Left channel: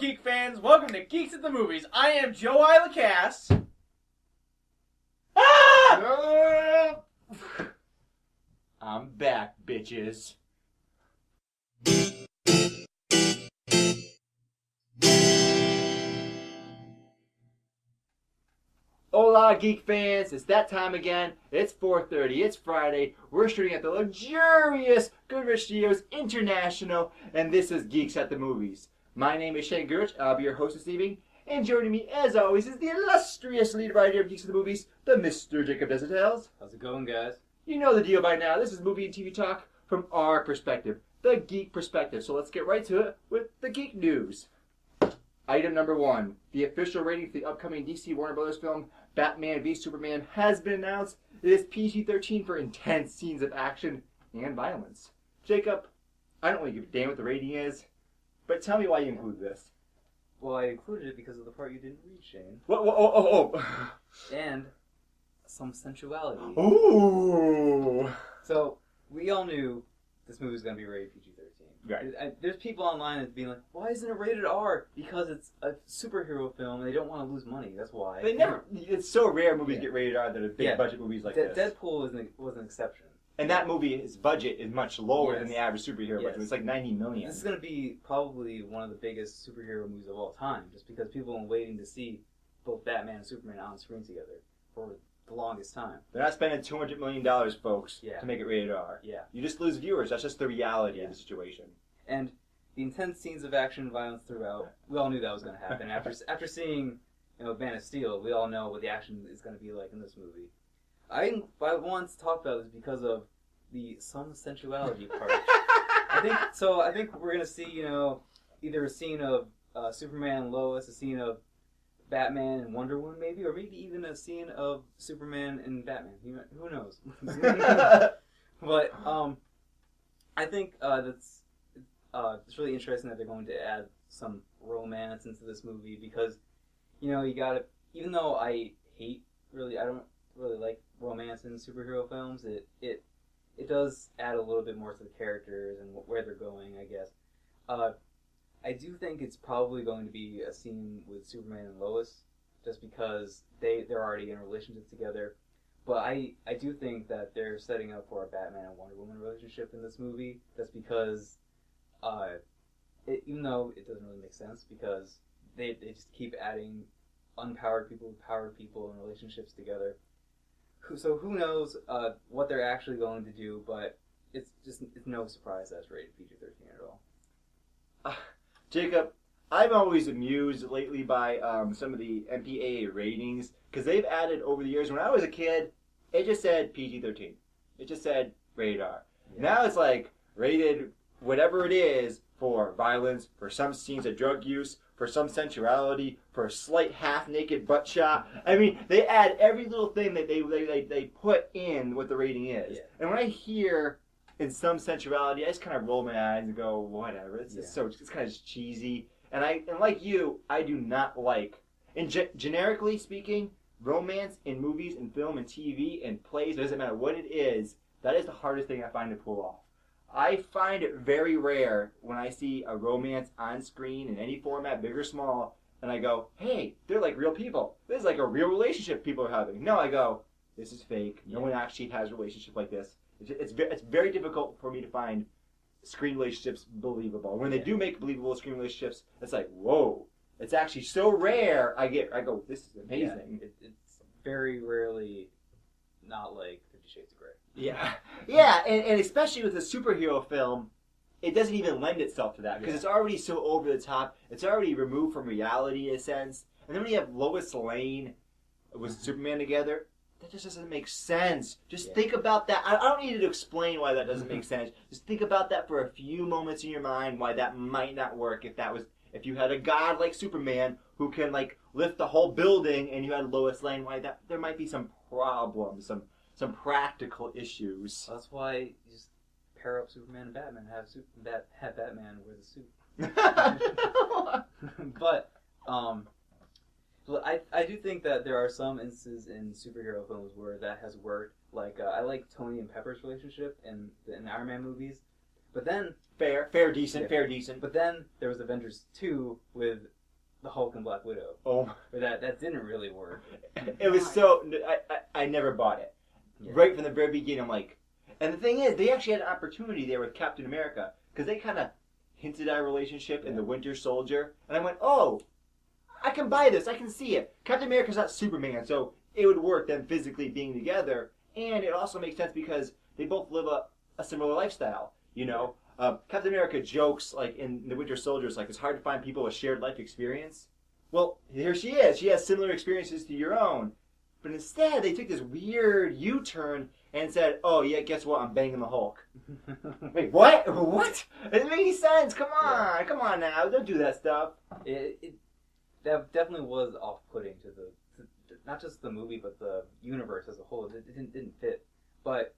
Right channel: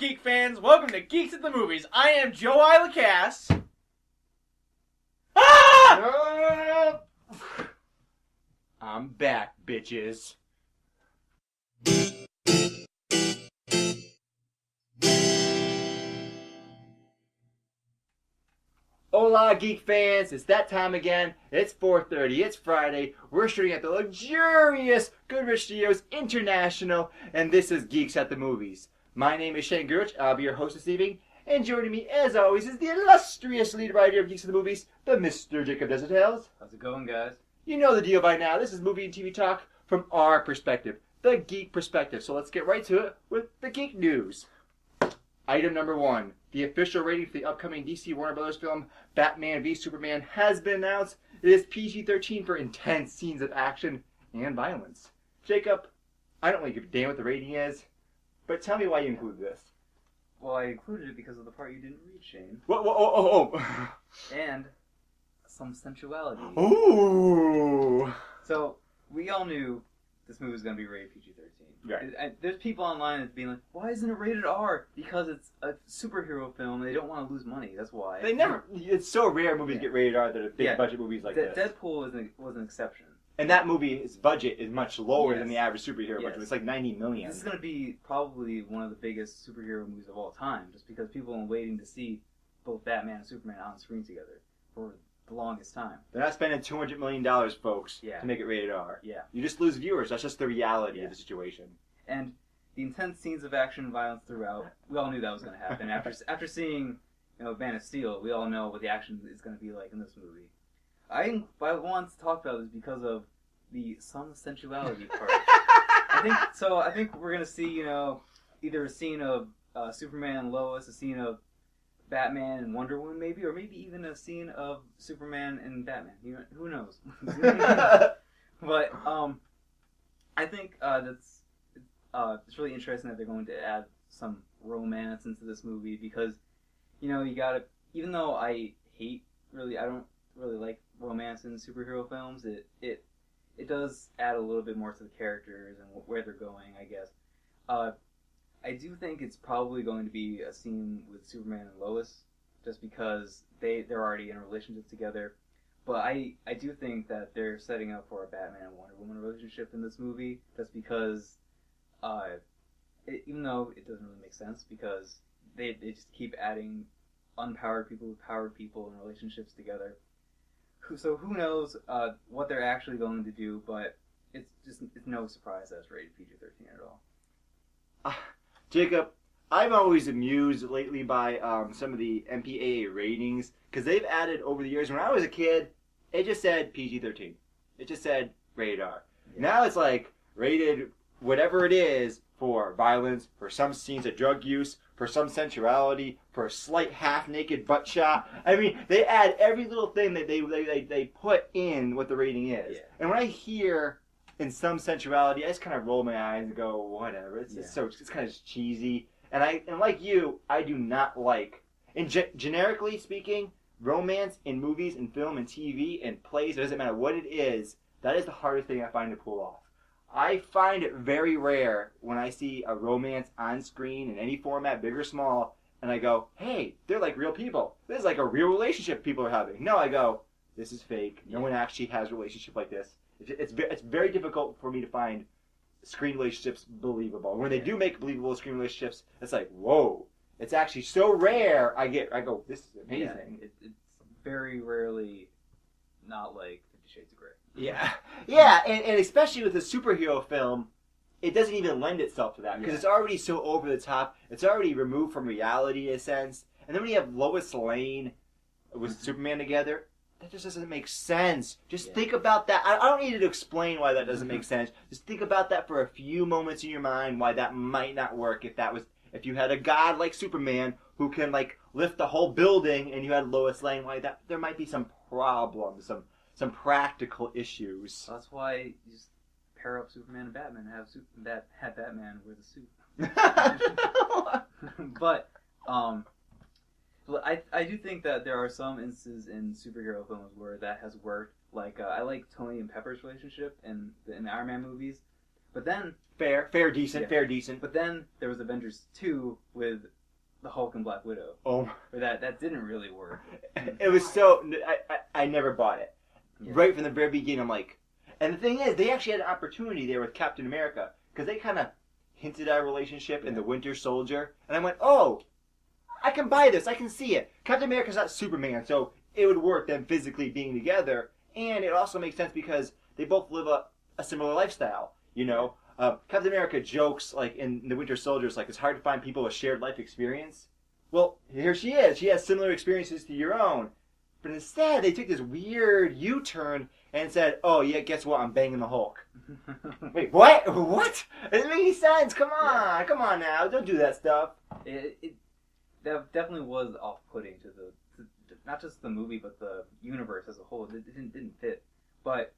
geek fans. Welcome to Geeks at the Movies. I am Joe Ilacass. Ah! I'm back, bitches. Hola, geek fans. It's that time again. It's 4:30. It's Friday. We're shooting at the luxurious Goodrich Studios International, and this is Geeks at the Movies. My name is Shane Goodrich. I'll be your host this evening, and joining me, as always, is the illustrious lead writer of Geeks at the Movies, the Mr. Jacob Desitels. How's it going, guys? You know the deal by now. This is movie and TV talk from our perspective, the geek perspective. So let's get right to it with the geek news. Item number 1. The official rating for the upcoming DC Warner Brothers film Batman v Superman has been announced. It is PG-13 for intense scenes of action and violence. Jacob, I don't really give a damn what the rating is, but tell me why you include this. Well, I included it because of the part you didn't read, Shane. Whoa. And some sensuality. Ooh. So, we all knew this movie was going to be rated PG-13. Right. There's people online that's being like, why isn't it rated R? Because it's a superhero film and they don't want to lose money. That's why. It's so rare movies get rated R that are big budget movies like this. Deadpool was an exception. And that movie's budget is much lower than the average superhero budget. It's like $90 million. This is going to be probably one of the biggest superhero movies of all time, just because people have been waiting to see both Batman and Superman on screen together for the longest time. They're not spending $200 million, folks, to make it rated R. Yeah. You just lose viewers. That's just the reality of the situation. And the intense scenes of action and violence throughout, we all knew that was going to happen. After seeing, Man of Steel, we all know what the action is going to be like in this movie. I wanted to talk about this because of the some sensuality part. I think we're going to see, either a scene of Superman and Lois, a scene of Batman and Wonder Woman, maybe, or maybe even a scene of Superman and Batman. Who knows? But I think it's really interesting that they're going to add some romance into this movie because, you got to. Even though I don't really like romance in superhero films, it does add a little bit more to the characters and where they're going, I guess. I do think it's probably going to be a scene with Superman and Lois, just because they're already in a relationship together. But I do think that they're setting up for a Batman and Wonder Woman relationship in this movie, just because, even though it doesn't really make sense, because they just keep adding unpowered people with powered people and relationships together. So who knows what they're actually going to do, but it's no surprise that it's rated PG-13 at all. Jacob, I'm always amused lately by some of the MPAA ratings, because they've added over the years. When I was a kid, it just said PG-13. It just said rated R. Yeah. Now it's like rated whatever it is for violence, for some scenes of drug use, for some sensuality, for a slight half-naked butt shot. I mean, they add every little thing that they put in what the rating is. Yeah. And when I hear in some sensuality, I just kind of roll my eyes and go, whatever. It's kind of just cheesy. And like you, I do not like, generically speaking, romance in movies and film and TV and plays. It doesn't matter what it is. That is the hardest thing I find to pull off. I find it very rare when I see a romance on screen in any format, big or small, and I go, hey, they're like real people. This is like a real relationship people are having. No, I go, this is fake. No one actually has a relationship like this. It's very difficult for me to find screen relationships believable. When they do make believable screen relationships, it's like, whoa. It's actually so rare, I go, this is amazing. Yeah, it's very rarely not like 50 Shades of Grey. Yeah, and especially with a superhero film, it doesn't even lend itself to that, because it's already so over the top. It's already removed from reality in a sense. And then when you have Lois Lane with Superman together, that just doesn't make sense. Just think about that. I don't need to explain why that doesn't make sense. Just think about that for a few moments in your mind, why that might not work if you had a god like Superman who can like lift the whole building, and you had Lois Lane, why that there might be some problems, some practical issues. That's why you just pair up Superman and Batman and have Batman wear the suit. But I do think that there are some instances in superhero films where that has worked. Like I like Tony and Pepper's relationship in the Iron Man movies, But then fair, decent, Yeah. fair, decent. But then there was Avengers 2 with the Hulk and Black Widow. Oh, Or that didn't really work. it was so. I never bought it. Yeah. Right from the very beginning, I'm like, and the thing is, they actually had an opportunity there with Captain America because they kind of hinted at a relationship in the Winter Soldier, and I went, oh, I can buy this. I can see it. Captain America's not Superman, so it would work them physically being together, and it also makes sense because they both live a similar lifestyle. You know, Captain America jokes like in the Winter Soldier, it's like it's hard to find people with shared life experience. Well, here she is. She has similar experiences to your own. But instead, they took this weird U-turn and said, oh, yeah, guess what? I'm banging the Hulk. Wait, what? What? It doesn't make any sense. Come on. Yeah. Come on now. Don't do that stuff. That definitely was off-putting to not just the movie, but the universe as a whole. It didn't fit. But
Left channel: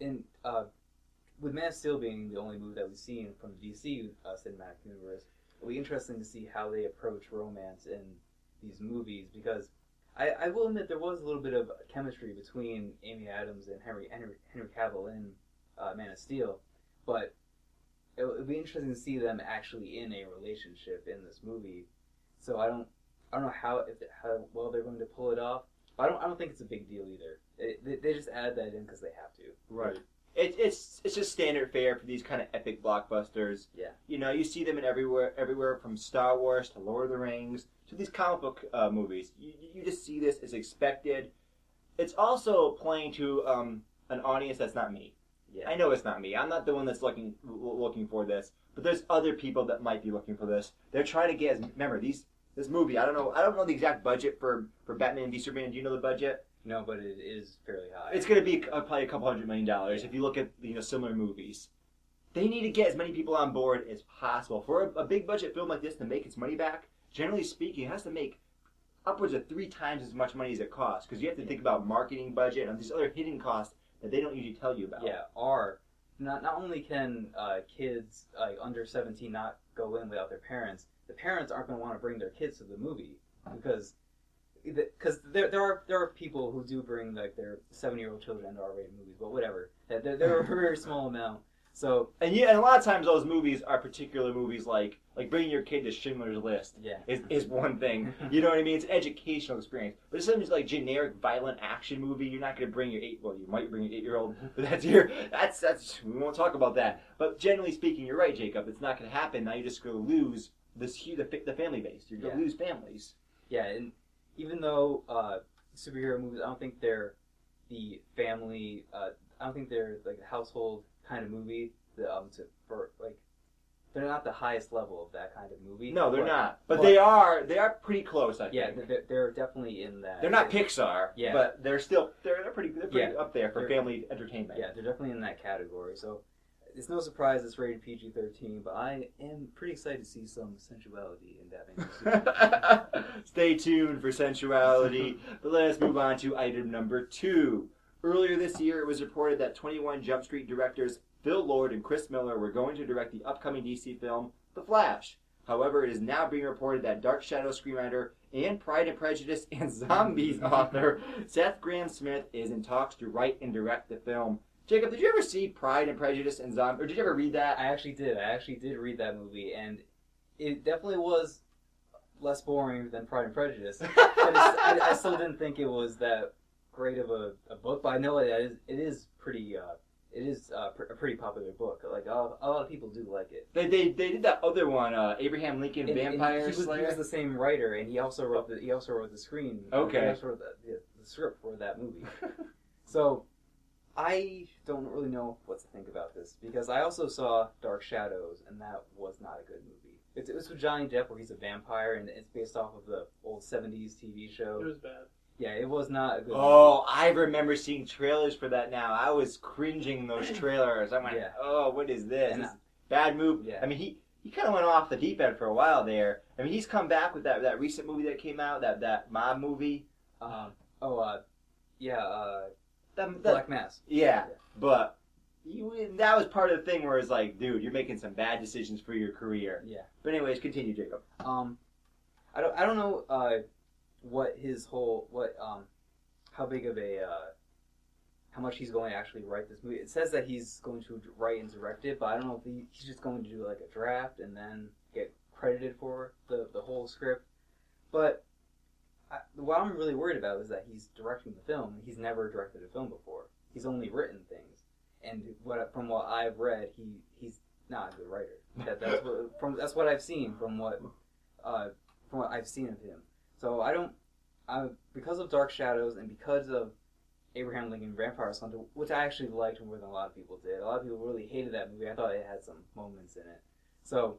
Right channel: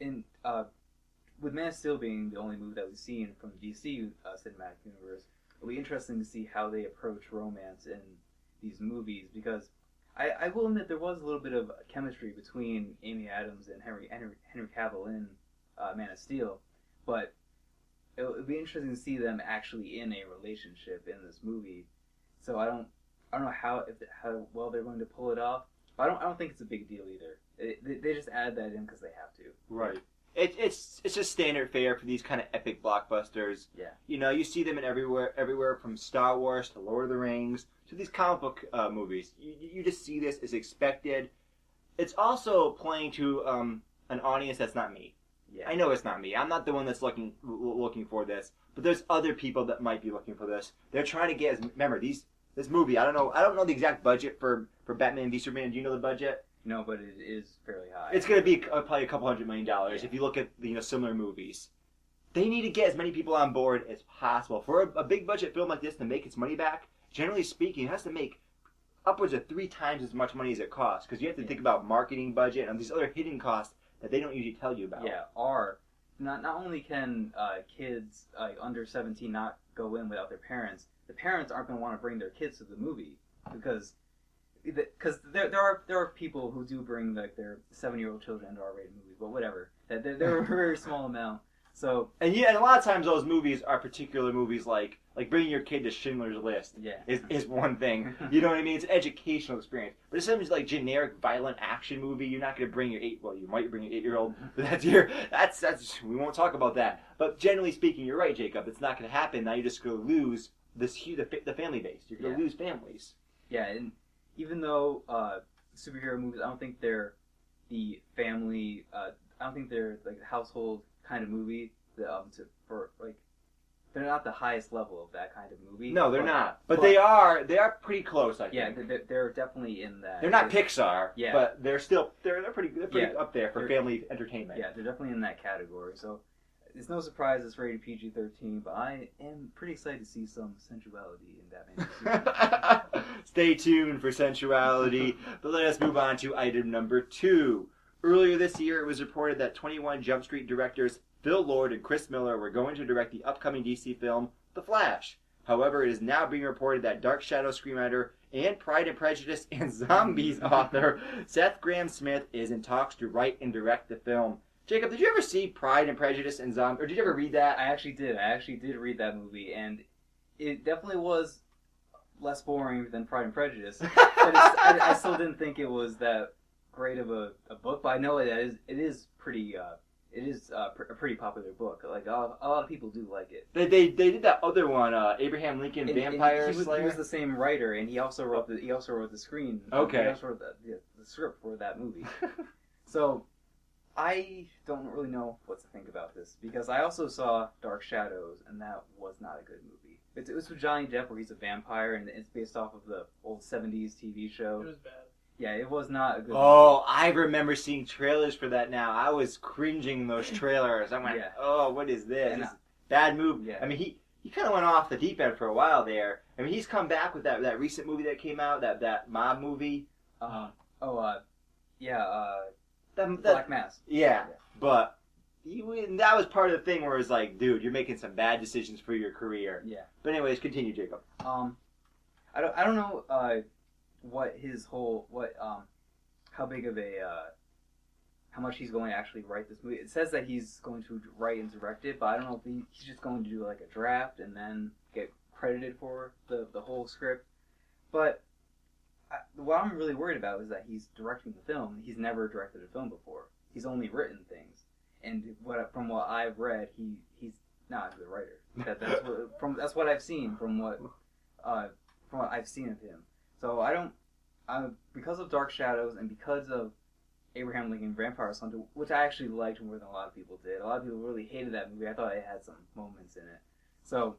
with Man of Steel being the only movie that we've seen from the DC cinematic universe, it'll be interesting to see how they approach romance in these movies, because I will admit there was a little bit of chemistry between Amy Adams and Henry Cavill in Man of Steel, but it'll be interesting to see them actually in a relationship in this movie. So I don't know how well they're going to pull it off. But I don't think it's a big deal either. They just add that in because they have to. Right. It's just standard fare for these kind of epic blockbusters. Yeah. You know, you see them in everywhere from Star Wars to Lord of the Rings to these comic book movies. You just see this as expected. It's also playing to an audience that's not me. Yeah. I know it's not me. I'm not the one that's looking for this, but there's other people that might be looking for this. They're trying to get. Remember this movie. I don't know the exact budget for Batman v Superman. Do you know the budget? No, but it is fairly high. It's going to be probably a couple $100 million Yeah. if you look at similar movies. They need to get as many people on board as possible. For a big budget film like this to make its money back, generally speaking, it has to make upwards of 3 times as much money as it costs, because you have to think about marketing budget and these other hidden costs that they don't usually tell you about. Yeah, not only can kids under 17 not go in without their parents, the parents aren't going to want to bring their kids to the movie because there are people who do bring like their 7-year-old children to R-rated movies, but whatever. They're a very small amount. So and a lot of times those movies are particular movies like bringing your kid to Schindler's List. Yeah. is one thing. You know what I mean? It's an educational experience. But if something's like generic violent action movie, you're not going to bring your you might bring your 8-year-old, but that's we won't talk about that. But generally speaking, you're right, Jacob. It's not going to happen. Now you're just going to lose the family base. You're going to lose families. Yeah, and even though superhero movies, I don't think they're the family. I don't think they're like a household kind of movie. They're not the highest level of that kind of movie. No, they're not. But they are pretty close. I think. Yeah, they're definitely in that. They're not Pixar. Yeah. But they're pretty up there for family entertainment. Yeah, they're definitely in that category. So it's no surprise it's rated PG-13, but I am pretty excited to see some sensuality in Batman. Stay tuned for sensuality. But let us move on to item number 2. Earlier this year, it was reported that 21 Jump Street directors Phil Lord and Chris Miller were going to direct the upcoming DC film, The Flash. However, it is now being reported that Dark Shadow screenwriter and Pride and Prejudice and Zombies author Seth Grahame-Smith is in talks to write and direct the film. Jacob, did you ever see Pride and Prejudice and Zombies? Or did you ever read that? I actually did. I actually did read that movie, and it definitely was less boring than Pride and Prejudice. I still didn't think it was that great of a book, but I know it is pretty. It is a pretty popular book. Like a lot of people do like it. They did that other one, Abraham Lincoln Vampire and he Slayer. was the same writer, and he also wrote the screen. Okay. He also wrote the script for that movie. So I don't really know what to think about this, because I also saw Dark Shadows, and that was not a good movie. It was with Johnny Depp, where he's a vampire, and it's based off of the old 70s TV show. It was bad. Yeah, it was not a good movie. Oh, I remember seeing trailers for that now. I was cringing in those trailers. I'm like, Yeah. Oh, what is this? And, This is bad movie. yeah. I mean, he kind of went off the deep end for a while there. I mean, he's come back with that recent movie that came out, that mob movie. Black Mass. Yeah, but that was part of the thing where it's like, dude, you're making some bad decisions for your career. Yeah. But anyways, continue, Jacob. I don't know how how much he's going to actually write this movie. It says that he's going to write and direct it, but I don't know if he's just going to do like a draft and then get credited for the whole script. But what I'm really worried about is that he's directing the film. He's never directed a film before. He's only written things, and from what I've read, he's not a good writer. That's what I've seen from what I've seen of him. So because of Dark Shadows and because of Abraham Lincoln Vampire Hunter, which I actually liked more than a lot of people did. A lot of people really hated that movie. I thought it had some moments in it. So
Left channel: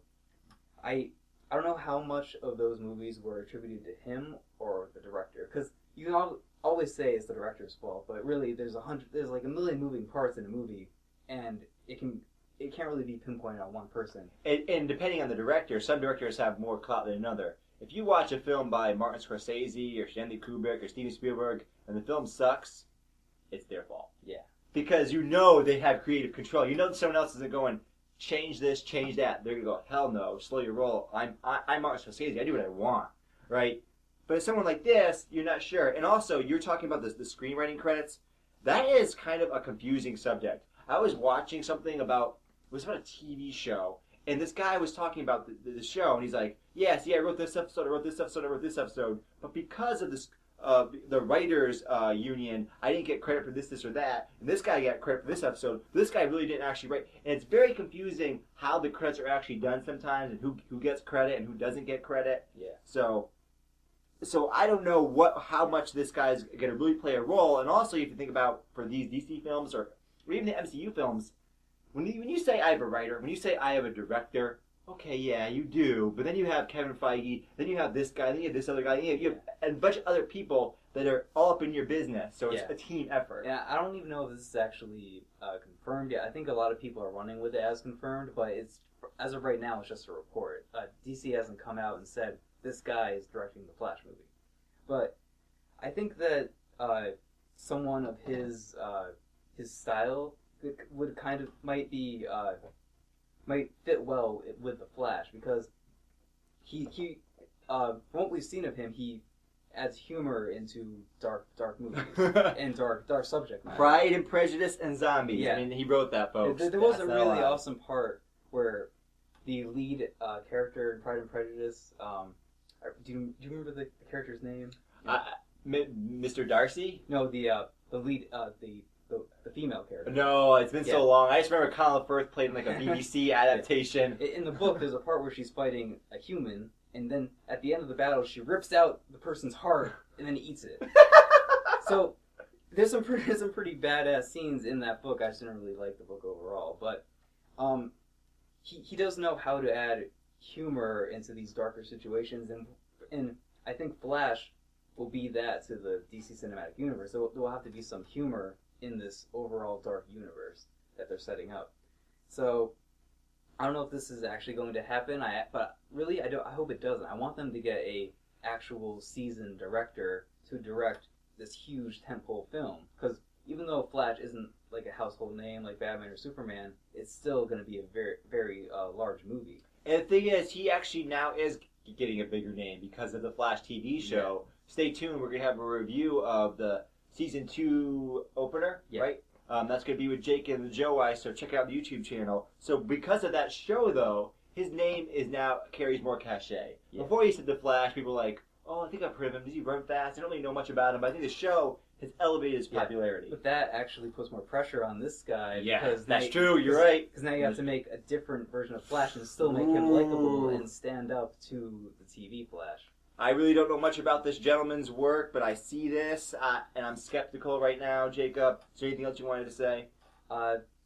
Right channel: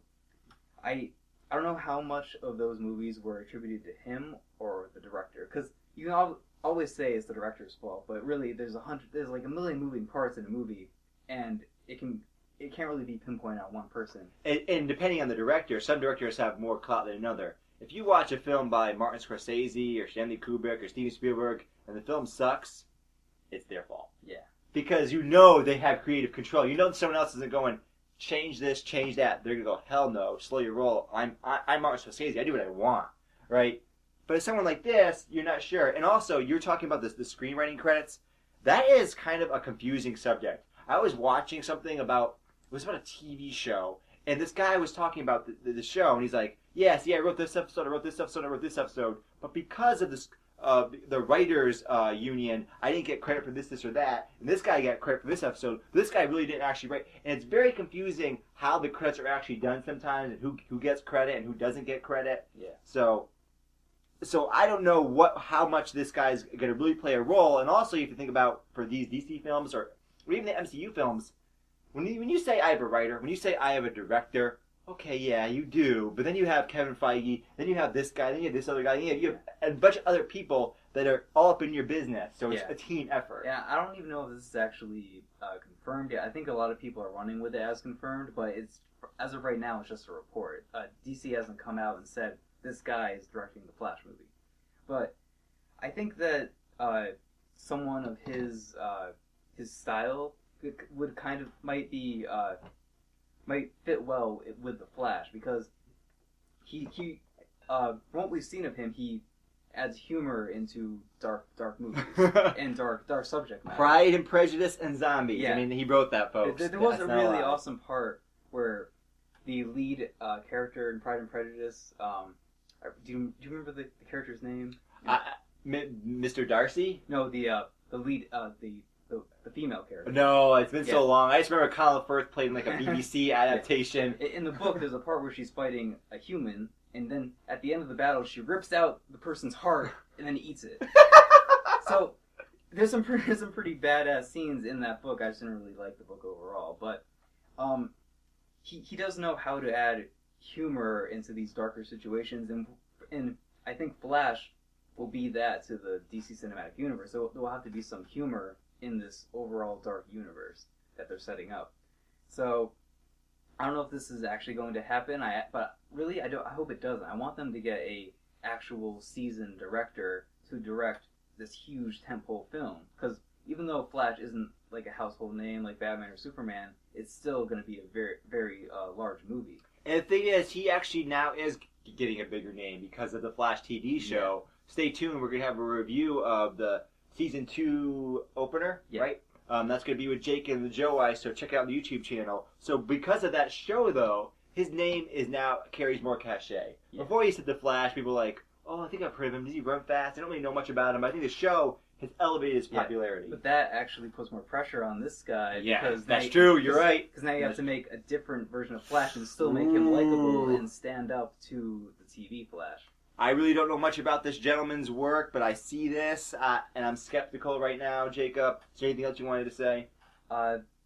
I don't know how much of those movies were attributed to him or the director, because you can always say it's the director's fault, but really there's like a million moving parts in a movie, and it can't really be pinpointed on one person. And depending on the director, some directors have more clout than another. If you watch a film by Martin Scorsese or Stanley Kubrick or Steven Spielberg and the film sucks, it's their fault. Yeah. Because you know they have creative control. You know that someone else isn't going, change this, change that. They're going to go, hell no, slow your roll. I'm Martin Scorsese. I do what I want. Right? But if someone like this, you're not sure. And also, you're talking about the screenwriting credits. That is kind of a confusing subject. I was watching something about, it was about a TV show, and this guy was talking about the show, and he's like, yes, yeah, I wrote this episode, I wrote this episode, I wrote this episode, but because of this, the writers union, I didn't get credit for this or that, and this guy got credit for this episode. This guy really didn't actually write, and it's very confusing how the credits are actually done sometimes, and who gets credit and who doesn't get credit. Yeah. So I don't know how much this guy's going to really play a role, and also you have to think about for these DC films or even the MCU films, when you say I have a writer, when you say I have a director, okay, yeah, you do. But then you have Kevin Feige, then you have this guy, then you have this other guy, then you have a bunch of other people that are all up in your business. So it's a team effort. Yeah, I don't even know if this is actually confirmed yet. I think a lot of people are running with it as confirmed, but it's as of right now, it's just a report. DC hasn't come out and said this guy is directing the Flash movie. But I think that someone of his style would kind of might fit well with the Flash, because he from what we've seen of him, he adds humor into dark movies and dark subject matter. Pride and Prejudice and Zombies. Yeah. I mean, he wrote that, folks. There was a really awesome part where the lead character in Pride and Prejudice. Do you remember the character's name? Mr. Darcy? No, the lead the female character. No, it's been so long. I just remember Colin Firth played in like a BBC adaptation. In the book, there's a part where she's fighting a human, and then at the end of the battle, she rips out the person's heart and then eats it. So there's some pretty badass scenes in that book. I just didn't really like the book overall, but he does know how to add humor into these darker situations, and I think Flash will be that to the DC Cinematic Universe. So there will have to be some humor in this overall dark universe that they're setting up. So I don't know if this is actually going to happen, but really I hope it doesn't. I want them to get a actual seasoned director to direct this huge tentpole film, because even though Flash isn't like a household name like Batman or Superman, it's still going to be a very, very large movie. And the thing is, he actually now is getting a bigger name because of the Flash TV show. Yeah. Stay tuned. We're going to have a review of the Season 2 opener, right? That's going to be with Jake and the Joe Eye, so check out the YouTube channel. So because of that show, though, his name is now carries more cachet. Yeah. Before he said The Flash, people were like, oh, I think I've heard of him. Does he run fast? I don't really know much about him, but I think the show has elevated his popularity. But that actually puts more pressure on this guy. Yeah, because that's true. You're right. Because now you have to make a different version of Flash and still make him likable and stand up to the TV Flash. I really don't know much about this gentleman's work, but I see this, and I'm skeptical right now. Jacob, is there anything else you wanted to say?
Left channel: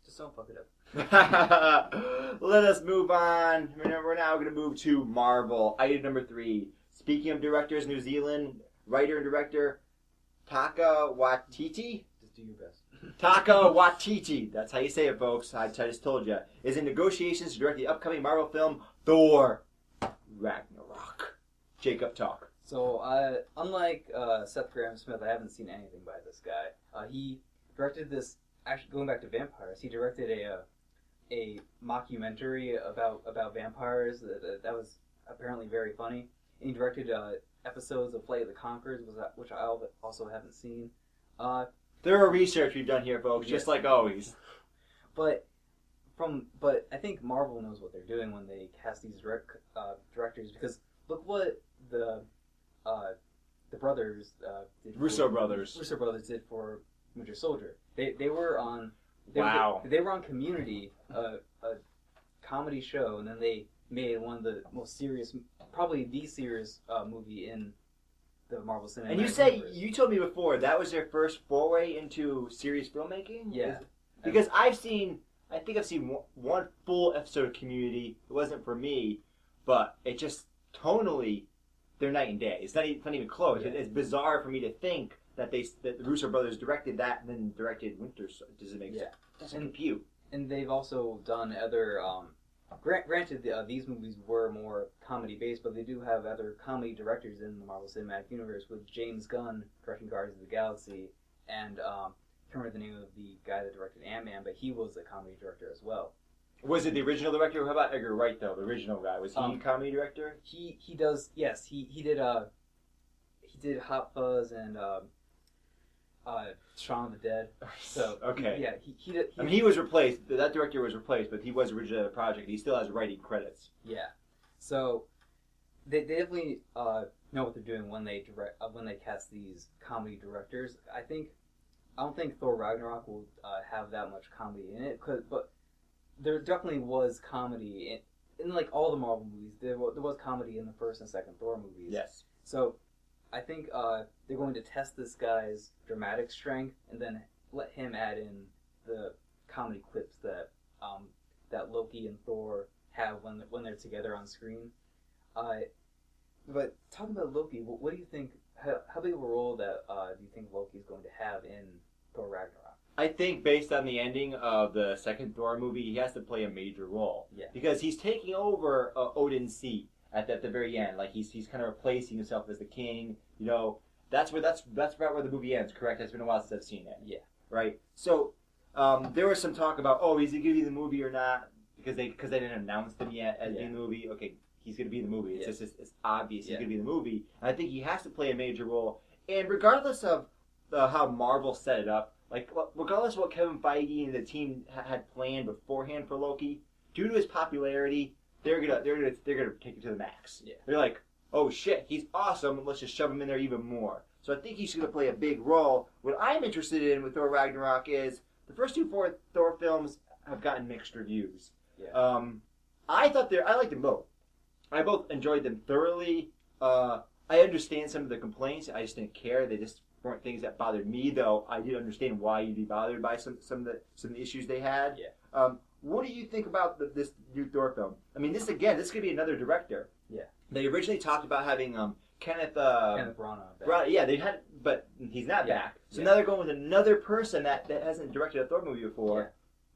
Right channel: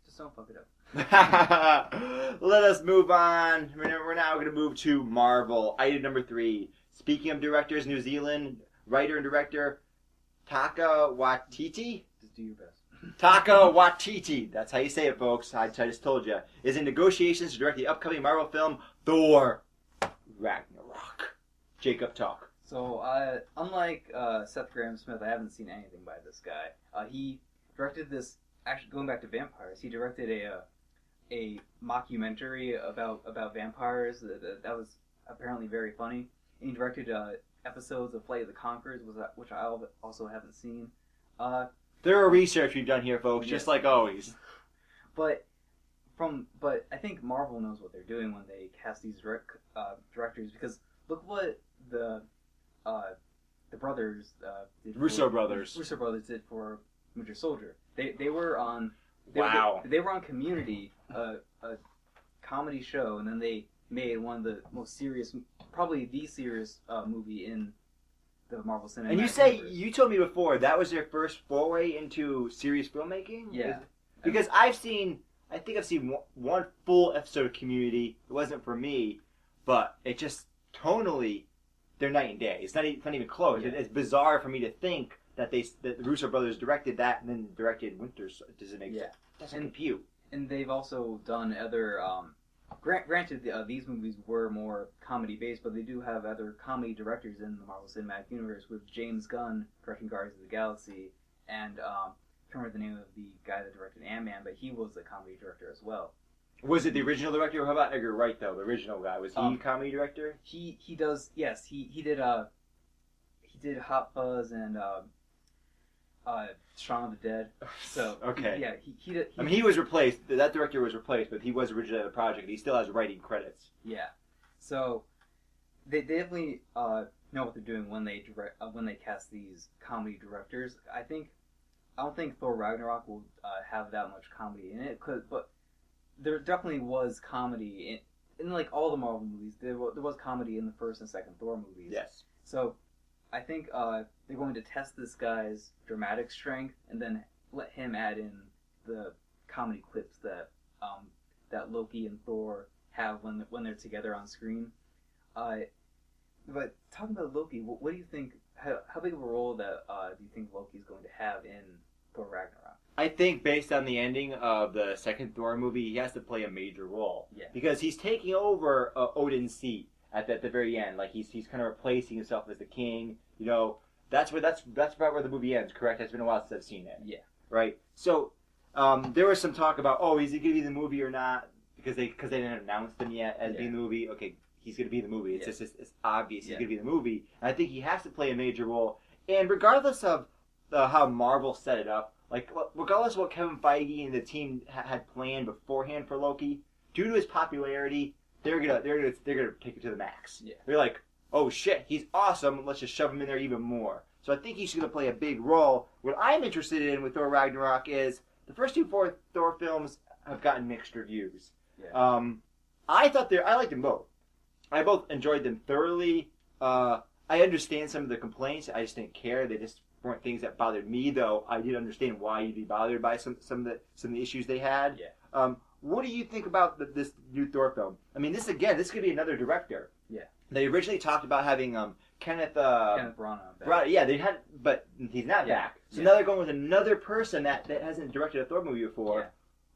Just don't fuck it up. Let us move on. We're now going to move to Marvel. Item number 3. Speaking of directors, New Zealand writer and director Taika Waititi. Just do your best. Taika Waititi, that's how you say it, folks. I just told you. Is in negotiations to direct the upcoming Marvel film Thor Ragnarok. Jacob, talk. So, unlike Seth Grahame-Smith, I haven't seen anything by this guy. He directed this. Actually, going back to vampires, he directed a mockumentary about vampires that was apparently very funny. And he directed episodes of Flight of the Conchords, which I also haven't seen. Thorough research we've done here, folks, Yeah. just like always. But I think Marvel knows what they're doing when they cast these directors, because look what the brothers did. Russo brothers. Russo brothers did for Winter Soldier. They were on. Wow. They were on Community, a comedy show, and then they made one of the most serious, probably the serious movie in the Marvel Cinematic And Universe. you told me before that was their first foray into serious filmmaking? Yeah. Because I think I've seen one full episode of Community. It wasn't for me, but it just tonally, they're night and day. It's not even close. Yeah. It's bizarre for me to think that the Russo brothers directed that and then directed Winter. Does it make sense? Doesn't compute. And they've also done other. Granted, these movies were more comedy based, but they do have other comedy directors in the Marvel Cinematic Universe, with James Gunn directing Guardians of the Galaxy, and I can't remember the name of the guy that directed Ant-Man, but he was a comedy director as well. Was it the original director? How about Edgar Wright though? The original guy, was he a comedy director? He does, yes. He did Hot Fuzz and Shaun of the Dead. So okay. He was replaced. That director was replaced, but he was originally on the project. He still has writing credits. Yeah. So they definitely know what they're doing when they cast these comedy directors. I don't think Thor Ragnarok will have that much comedy in it, but there definitely was comedy in like all the Marvel movies. There was comedy in the first and second Thor movies. Yes. So I think they're going to test this guy's dramatic strength and then let him add in the comedy clips that Loki and Thor have when they're together on screen. But talking about Loki, what do you think? How big of a role do you think Loki is going to have in Thor Ragnarok? I think based on the ending of the second Thor movie, he has to play a major role. Yeah. Because he's taking over Odin's seat at the very end. Like he's kind of replacing himself as the king. You know, that's about where the movie ends. Correct? It's been a while since I've seen it. Yeah. Right. So there was some talk about, is he going to be the movie or not? Because they didn't announce them yet as being the movie. Okay, he's going to be the movie. It's just it's obvious he's going to be the movie. And I think he has to play a major role. And regardless of how Marvel set it up, like regardless of what Kevin Feige and the team had planned beforehand for Loki, due to his popularity, they're gonna take it to the max. Yeah. They're like, oh shit, he's awesome. Let's just shove him in there even more. So I think he's gonna play a big role. What I'm interested in with Thor Ragnarok is the first two Thor films have gotten mixed reviews. Yeah. I liked them both. I both enjoyed them thoroughly. I understand some of the complaints. I just didn't care. They just weren't things that bothered me, though. I did understand why you'd be bothered by some of the issues they had. Yeah. What do you think about this new Thor film? I mean, this could be another director. Yeah. They originally talked about having Kenneth Branagh back. Right, yeah, they had, but he's not back. So now they're going with another person that hasn't directed a Thor movie before. Yeah.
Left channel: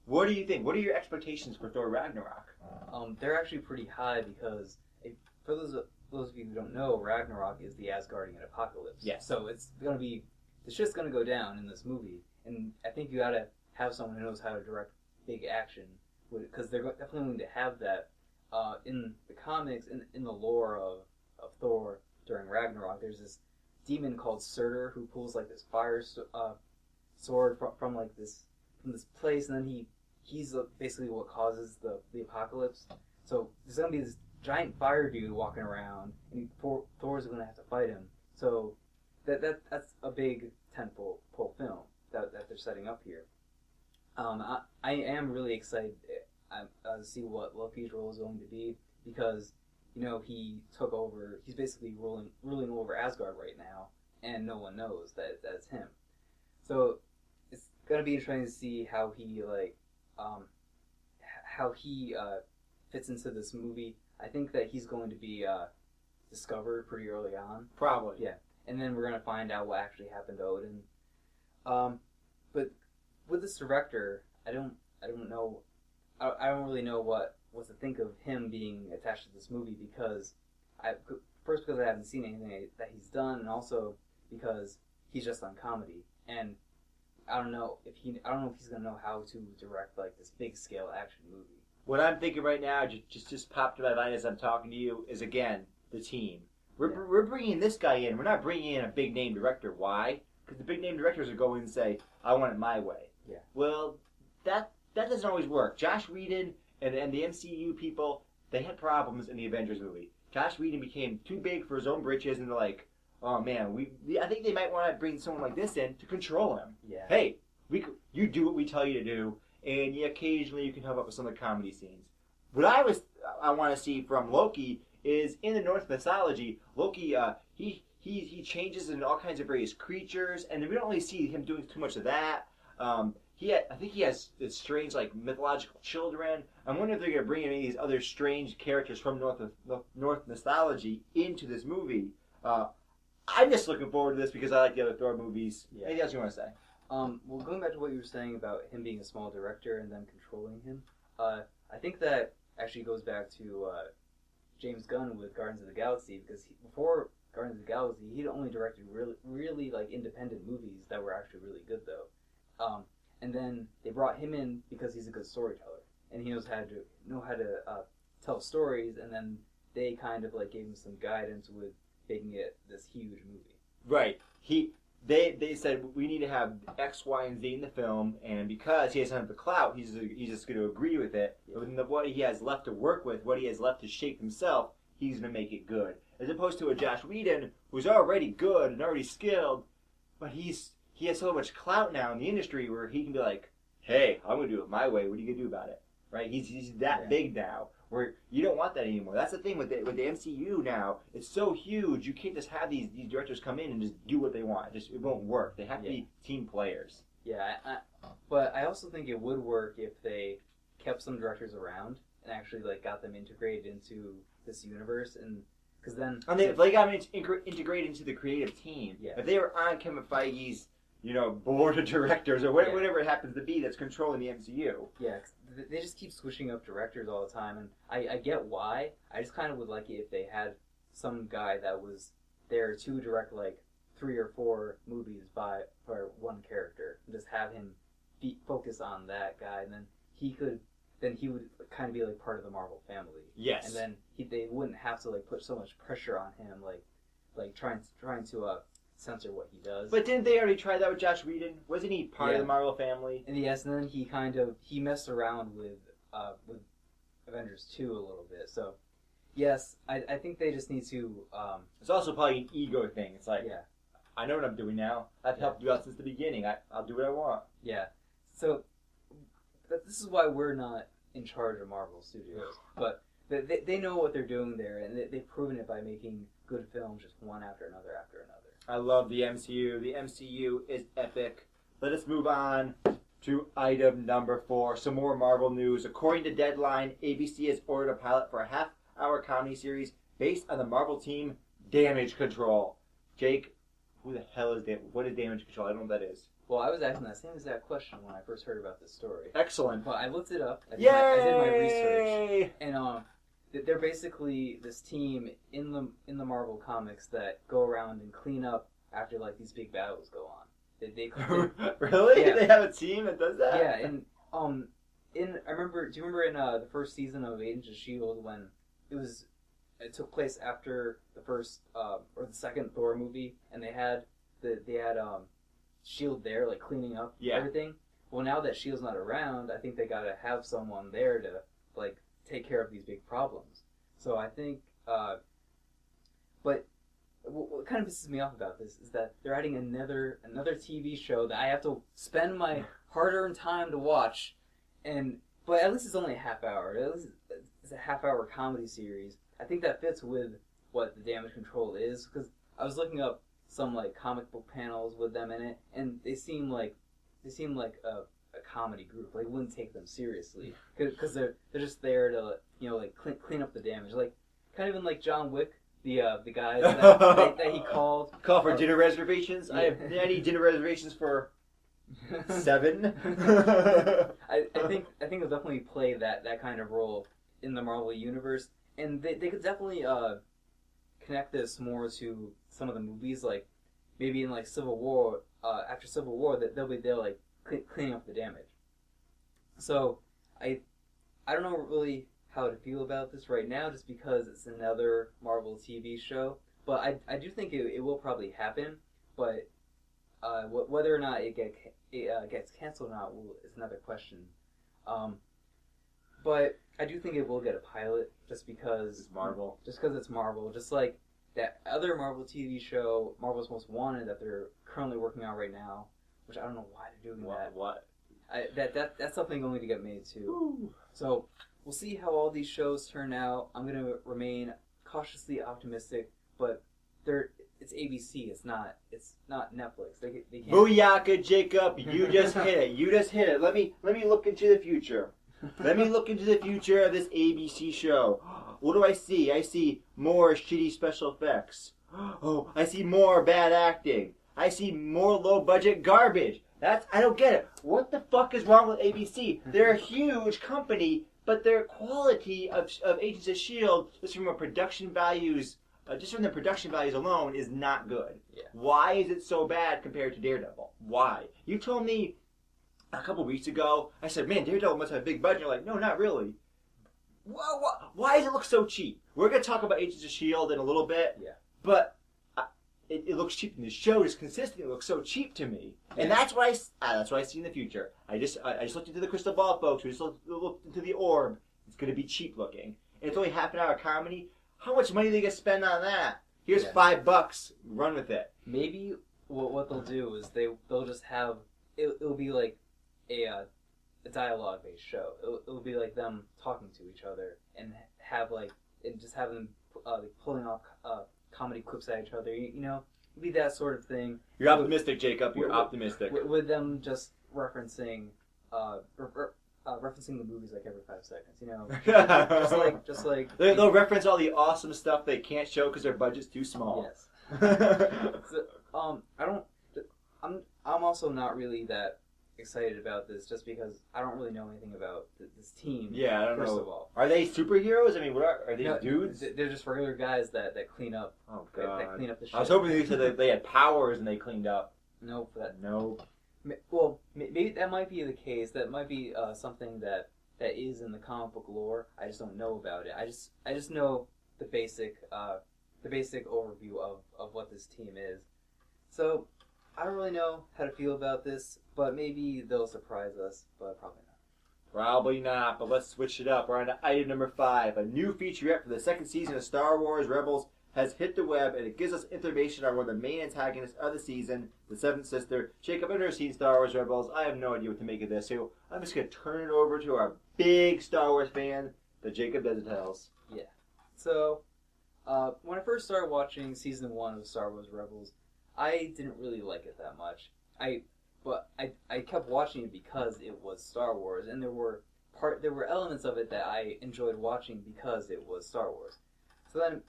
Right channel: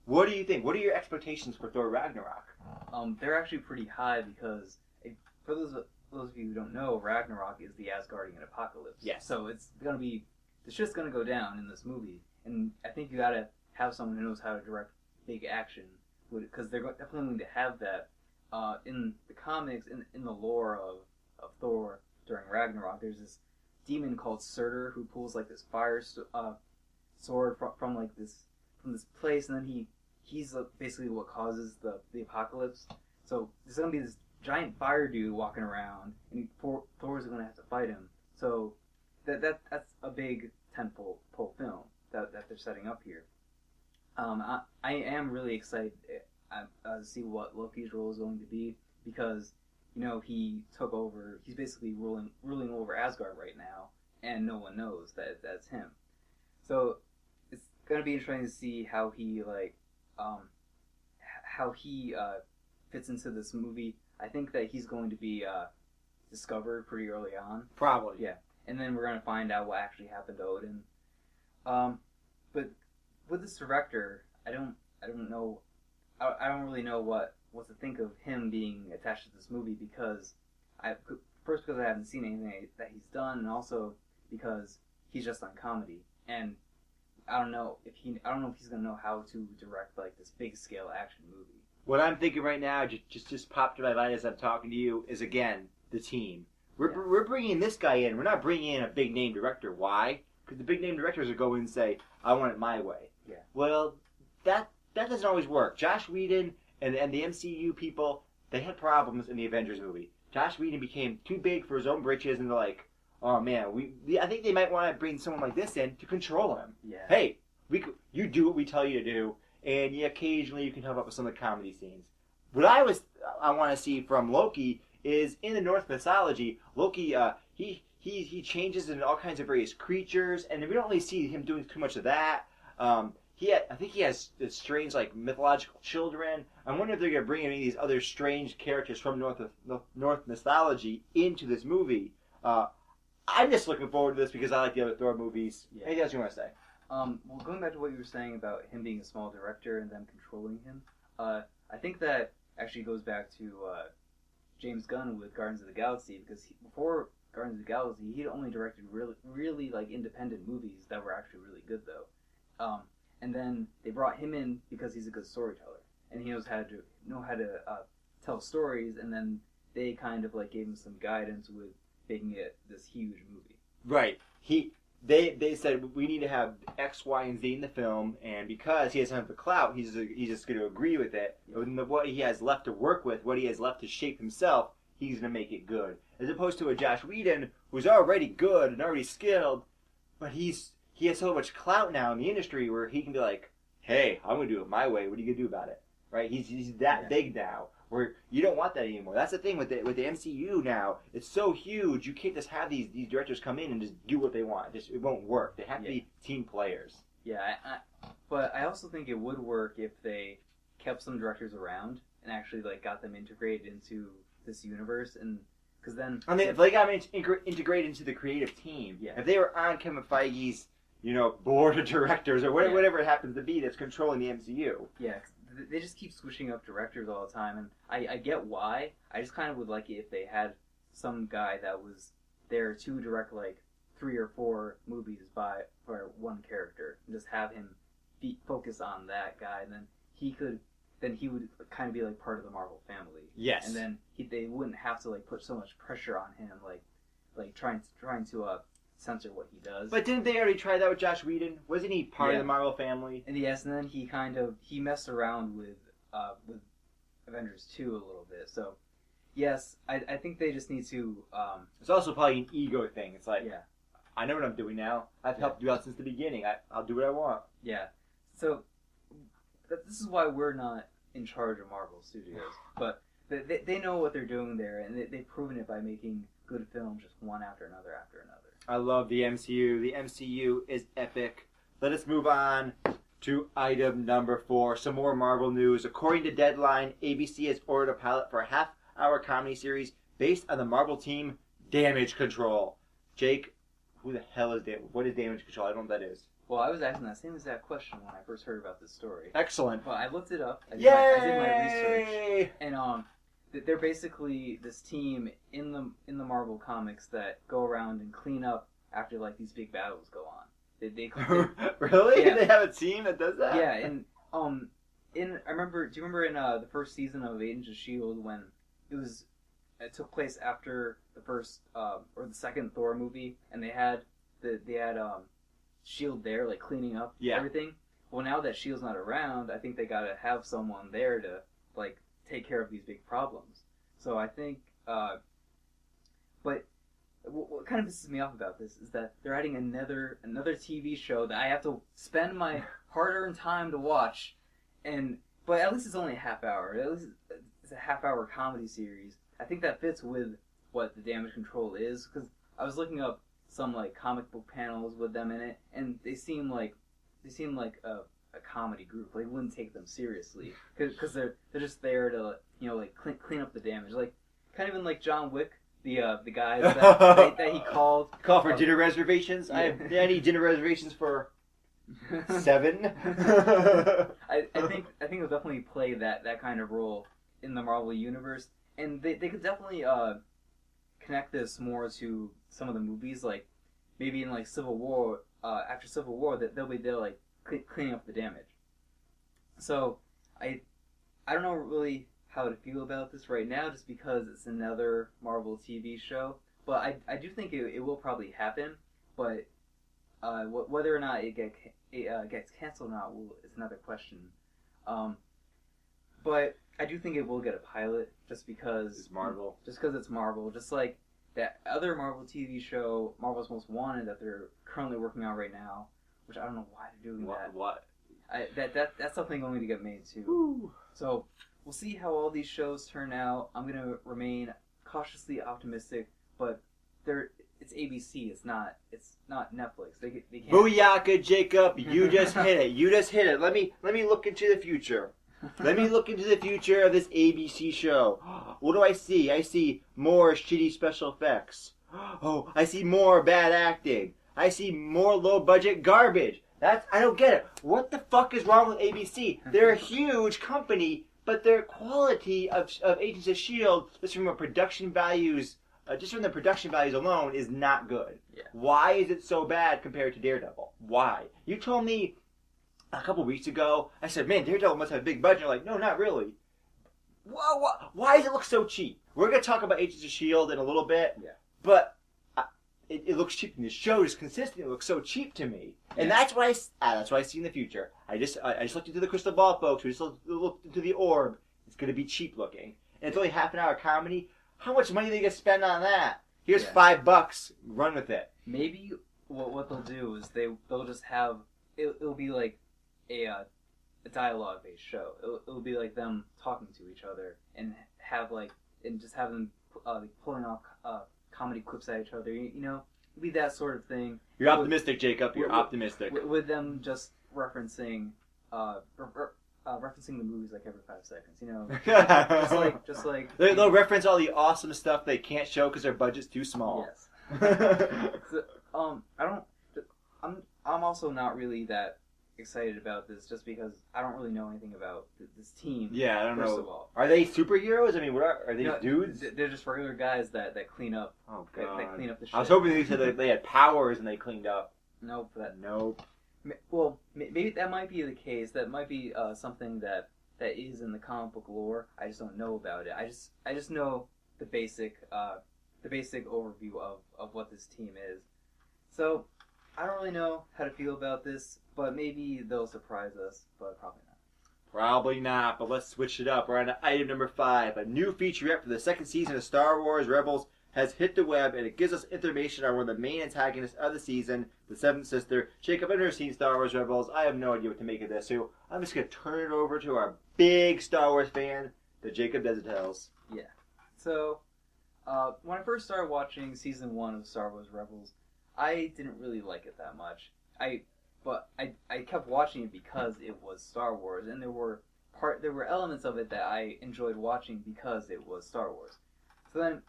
What do you think? What are your expectations for Thor Ragnarok? They're actually pretty high because for those of you who don't know, Ragnarok is the Asgardian apocalypse. Yes. So it's gonna be the shit's gonna go down in this movie, and I think you gotta have someone who knows how to direct big action, because they're definitely going to have that in the comics, in the lore of Thor during Ragnarok. There's this demon called Surtur who pulls like this fire sword from this place, and then he's basically what causes the apocalypse. So there's gonna be this giant fire dude walking around, and Thor's gonna have to fight him. So that's a big tentpole film that they're setting up here. I am really excited to see what Loki's role is going to be, because he took over. He's basically ruling over Asgard right now, and no one knows that that's him. So it's gonna be interesting to see how he fits into this movie. I think that he's going to be discovered pretty early on. Probably. Yeah, and then we're gonna find out what actually happened to Odin. But with this director, I don't know. I don't really know what to think of him being attached to this movie, because first because I haven't seen anything that he's done, and also because he's just on comedy, and I don't know if he's gonna know how to direct like this big scale action movie. What I'm thinking right now, just popped to my mind as I'm talking to you, is again the team. We're bringing this guy in. We're not bringing in a big name director. Why? because the big name directors would go in and say, I want it my way. Yeah. Well, that doesn't always work. Josh Whedon and the MCU people, they had problems in the Avengers movie. Josh Whedon became too big for his own britches, and they're like, oh man, I think they might want to bring someone like this in to control him. Yeah. Hey, you do what we tell you to do, and occasionally you can help out with some of the comedy scenes. What I want to see from Loki is in the Norse mythology, Loki, he changes into all kinds of various creatures, and we don't really see him doing too much of that. I think he has strange, like, mythological children. I wonder if they're going to bring any of these other strange characters from North mythology into this movie. I'm just looking forward to this because I like the other Thor movies. Yeah. Anything else you want to say? Well, going back to what you were saying about him being a small director and them controlling him, I think that actually goes back to James Gunn with Guardians of the Galaxy, because before Guardians of the Galaxy, he'd only directed really like independent movies that were actually really good though. And then they brought him in because he's a good storyteller and he knows how to tell stories. And then they kind of like gave him some guidance with making it this huge movie. Right. They said we need to have X, Y, and Z in the film, and because he doesn't have the clout, he's just going to agree with it. Yeah. And what he has left to work with, what he has left to shape himself, he's going to make it good. As opposed to a Josh Whedon who's already good and already skilled, but he has so much clout now in the industry where he can be like, hey, I'm going to do it my way. What are you going to do about it? Right? He's that big now. Where you don't want that anymore. That's the thing with the MCU now. It's so huge. You can't just have these directors come in and just do what they want. It won't work. They have to be team players. Yeah, but I also think it would work if they kept some directors around and actually like got them integrated into this universe, and because then if they got them integrated into the creative team. Yeah. If they were on Kevin Feige's board of directors or whatever it happens to be that's controlling the MCU. Yeah, 'cause they just keep switching up directors all the time, and I get why. I just kind of would like it if they had some guy that was there to direct like 3 or 4 movies for one character, and just have him focus on that guy, and then he would kind of be like part of the Marvel family. Yes. And then they wouldn't have to like put so much pressure on him, like trying to censor what he does. But didn't they already try that with Josh Whedon? Wasn't he part of the Marvel family? And yes, and then he messed around with Avengers 2 a little bit. So yes, I think they just need to. It's also probably an ego thing. It's like, Yeah. I know what I'm doing now. I've helped you out since the beginning. I'll do what I want. Yeah. So this is why we're not in charge of Marvel Studios, but they know what they're doing there, and they've proven it by making good films just one after another after another. I love the MCU. The MCU is epic. Let us move on to item number 4. Some more Marvel news. According to Deadline, ABC has ordered a pilot for a half-hour comedy series based on the Marvel team Damage Control. Jake, who the hell is what is Damage Control? I don't know what that is. Well, I was asking that same exact question when I first heard about this story. Excellent. But I looked it up. I did Yay! my research, and they're basically this team in the Marvel comics that go around and clean up after like these big battles go on. They Really? Yeah. They have a team that does that? Yeah, and do you remember in the first season of Agents of S.H.I.E.L.D. when it took place after the first or the second Thor movie, and they had S.H.I.E.L.D. there like cleaning up everything. Well, now that S.H.I.E.L.D.'s not around, I think they gotta have someone there to like take care of these big problems. So I think, but what kind of pisses me off about this is that they're adding another TV show that I have to spend my hard-earned time to watch, but at least it's only a half hour. At least it's a half-hour comedy series. I think that fits with what the Damage Control is, because I was looking up some like comic book panels with them in it, and they seem like a comedy group. Like, wouldn't take them seriously because they're just there to like clean up the damage, like kind of in like John Wick. The guys that he called. Call for dinner reservations. Yeah. I need dinner reservations for 7. I think it'll definitely play that kind of role in the Marvel universe, and they could definitely connect this more to some of the movies, like maybe in like Civil War. After Civil War, that they'll be there like cleaning up the damage. So I don't know really how to feel about this right now, just because it's another Marvel TV show. But I do think it will probably happen. But Whether or not it gets canceled or not is another question. But I do think it will get a pilot just because It's Marvel. Just because it's Marvel. Just like that other Marvel TV show, Marvel's Most Wanted, that they're currently working on right now, which I don't know why they're doing that. What? That's something going to get made too. Ooh. So we'll see how all these shows turn out. I'm gonna remain cautiously optimistic, but it's ABC. It's not Netflix. They can't. Booyaka, Jacob! You just hit it. You just hit it. Let me look into the future. Let me look into the future of this ABC show. What do I see? I see more shitty special effects. Oh, I see more bad acting. I see more low budget garbage. I don't get it. What the fuck is wrong with ABC? They're a huge company, but their quality of Agents of S.H.I.E.L.D., just from the production values alone, is not good. Yeah. Why is it so bad compared to Daredevil? Why? You told me a couple weeks ago, I said, man, Daredevil must have a big budget. You're like, no, not really. Whoa, why does it look so cheap? We're going to talk about Agents of S.H.I.E.L.D. in a little bit, Yeah. but it looks cheap. And the show is consistent. It looks so cheap to me. And Yeah. that's what I see in the future. I just looked into the crystal ball, folks. We just looked into the orb. It's going to be cheap looking. And it's only half an hour comedy. How much money are they going to spend on that? Here's Yeah. $5. Run with it. Maybe what they'll do is they'll just have it'll be like a dialogue based show. It'll be like them talking to each other and just have them pulling off comedy clips at each other. You know, it'll be that sort of thing. You're optimistic, Jacob. You're optimistic. With them just referencing referencing the movies like every 5 seconds. You know, just like They'll reference all the awesome stuff they can't show because their budget's too small. Yes. So, I'm also not really that excited about this just because I don't really know anything about this team. Yeah, I don't first know. of all. Are they superheroes? I mean, are they No, dudes? They're just regular guys that clean up. Oh That clean up the shit. I was hoping they said that they had powers and they cleaned up. Nope. Nope. Well, maybe that might be the case. That might be something that is in the comic book lore. I just don't know about it. I just know the basic overview of what this team is. So I don't really know how to feel about this, but maybe they'll surprise us, but probably not. Probably not, but let's switch it up. We're on to item number 5. A new featurette for the second season of Star Wars Rebels has hit the web, and it gives us information on one of the main antagonists of the season, the Seventh Sister. Jacob, I've never seen Star Wars Rebels. I have no idea what to make of this, so I'm just going to turn it over to our big Star Wars fan, the Jacob Desitells. Yeah. So, when I first started watching season 1 of Star Wars Rebels, I didn't really like it that much. But I kept watching it because it was Star Wars, and there were elements of it that I enjoyed watching because it was Star Wars. So then,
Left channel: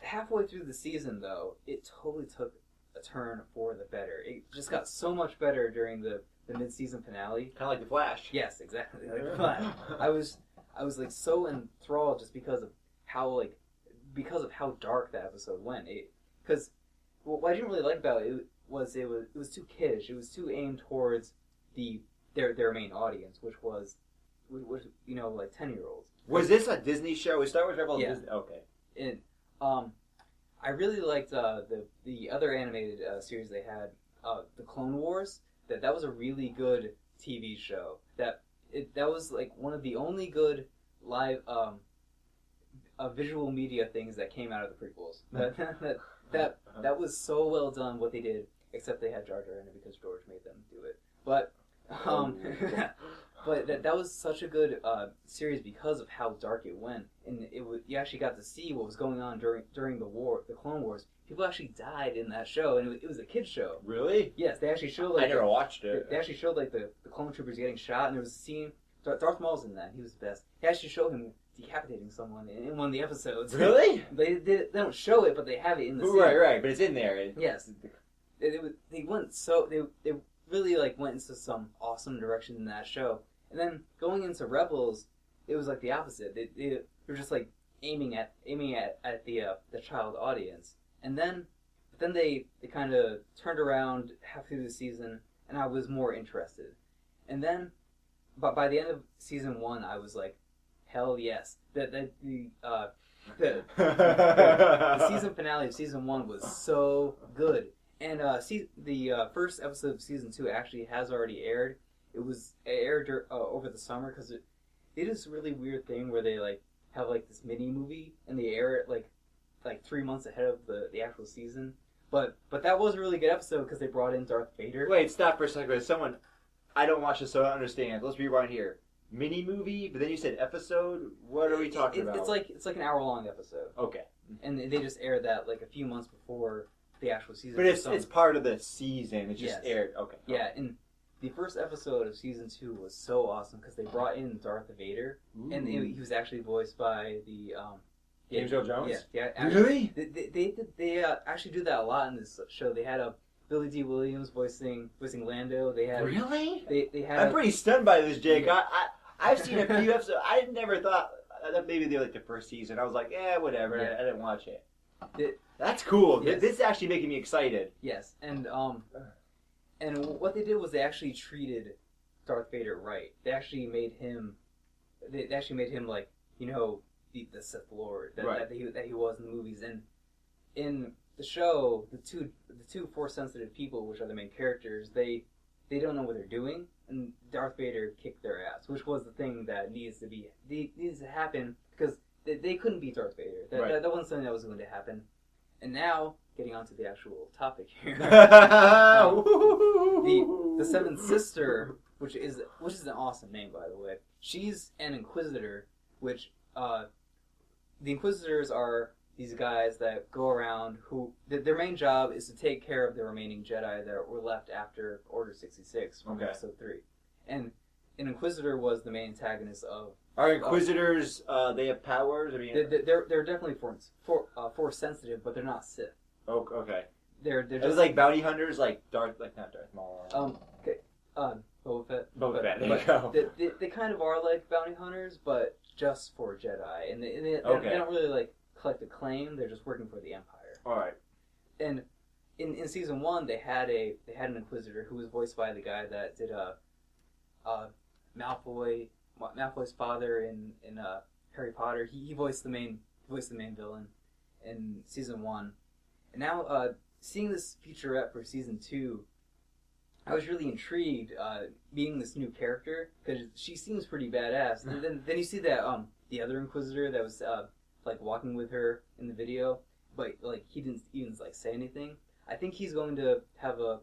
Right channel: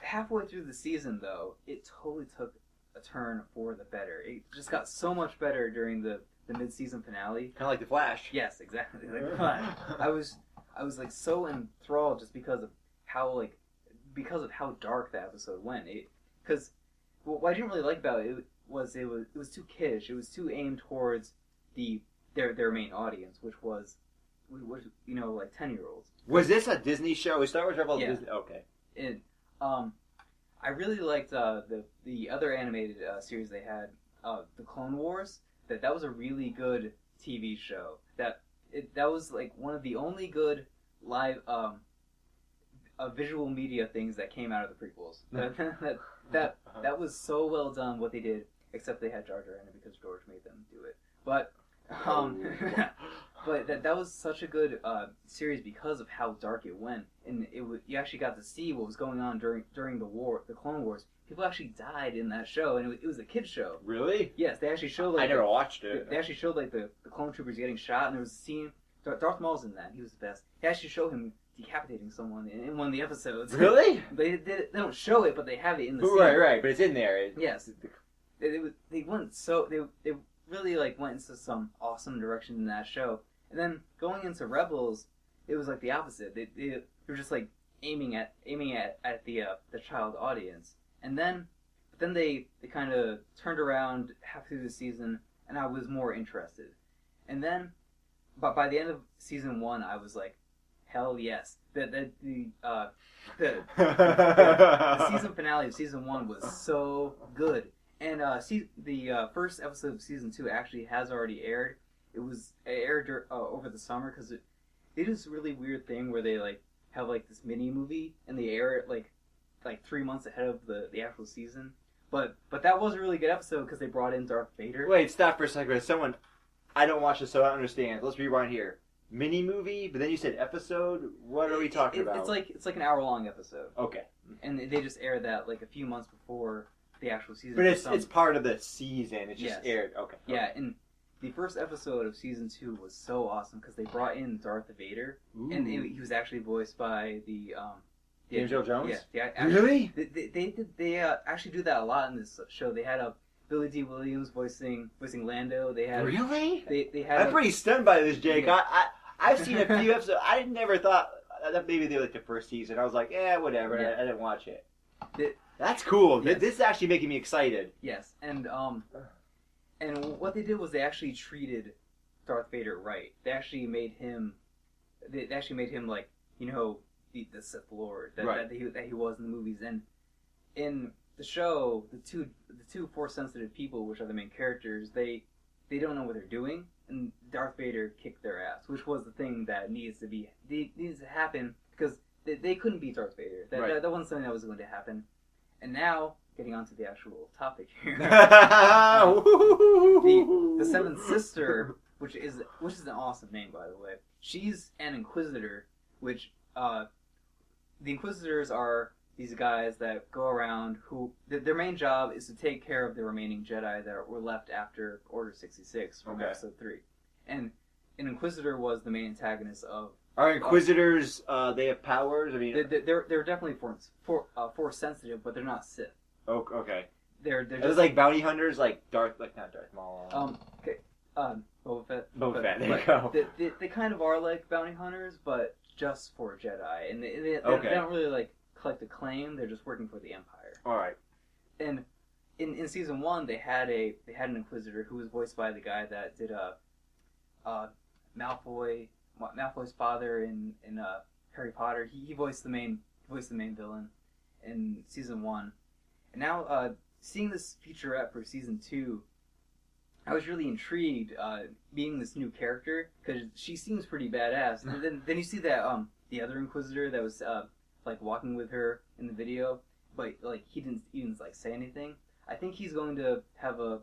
halfway through the season, though, it totally took a turn for the better. It just got so much better during the mid-season finale. Kind of like The Flash. Yes, exactly. Like The Flash. I was like so enthralled just because of how dark that episode went. Because what I didn't really like about it was too kiddish. It was too aimed towards their main audience, which was you know, like 10-year-olds. Was this a Disney show? Was Star Wars Rebels Yeah. Disney? Okay. And I really liked the other animated series they had, the Clone Wars. That was a really good TV show. That was like one of the only good live visual media things that came out of the prequels. That was so well done what they did. Except they had Jar Jar in it because George made them do it. But but that was such a good series because of how dark it went, and you actually got to see what was going on during the Clone Wars. People actually died in that show, and it was a kids show. Really? Yes, they actually showed I never watched it. They actually showed like the clone troopers getting shot, and there was a scene. Darth Maul's in that. He was the best. They actually showed him decapitating someone in one of the episodes. Really? They don't show it, but they have it in the scene. Right, but it's in there. Yes. They really like went into some awesome direction in that show, and then going into Rebels, it was like the opposite. They were just like aiming at the child audience, and then they kind of turned around half through the season, and I was more interested, and then, but by the end of season 1, I was like, hell yes. The season finale of season 1 was so good. And the first episode of season 2 actually has already aired. It aired over the summer because they do this really weird thing where they like have like this mini movie and they air it like 3 months ahead of the actual season. But that was a really good episode because they brought in Darth Vader. Wait, stop for a second. Someone, I don't watch this, so I don't understand. Let's rewind here. Mini movie, but then you said episode. What are we talking about? It's like an hour-long episode. Okay. And they just aired that like a few months before the actual season. But it's part of the season. It just aired. Okay. Yeah, and the first episode of season 2 was so awesome because they brought in Darth Vader, and he was actually voiced by the James Earl Jones. Yeah, really? They actually do that a lot in this show. They had Billy D. Williams voicing Lando. They had really. They had. I'm pretty stunned by this, Jake. Yeah. I've seen a few episodes. I never thought that maybe they were like the first season. I was like, whatever. Yeah. I didn't watch it. That's Yes. cool. This is actually making me excited. Yes, and what they did was they actually treated Darth Vader right. They actually made him like the Sith Lord that he was in the movies. And in the show, the two Force sensitive people, which are the main characters, they don't know what they're doing, and Darth Vader kicked their ass, which was the thing that needs to happen because they couldn't beat Darth Vader. That wasn't something that was going to happen. And now, getting onto the actual topic here, the Seventh Sister, which is an awesome name, by the way. She's an Inquisitor, which the Inquisitors are these guys that go around who their main job is to take care of the remaining Jedi that were left after Order 66 from Episode 3. And an Inquisitor was the main antagonist of. Are Inquisitors? They have powers. I mean, they're definitely force sensitive, but they're not Sith. Oh, okay. They're just it's like bounty hunters, like not Darth Maul. Okay. Boba Fett. Boba Fett. There you go. They kind of are like bounty hunters, but just for Jedi, and they don't really like collect a claim. They're just working for the Empire. All right. And in season 1, they had an Inquisitor who was voiced by the guy that did Malfoy's father in Harry Potter. He voiced the main villain in season 1, and now seeing this featurette for season 2, I was really intrigued being this new character because she seems pretty badass. And then you see that the other Inquisitor that was like walking with her in the video, but like he didn't even like say anything. I think he's going to have a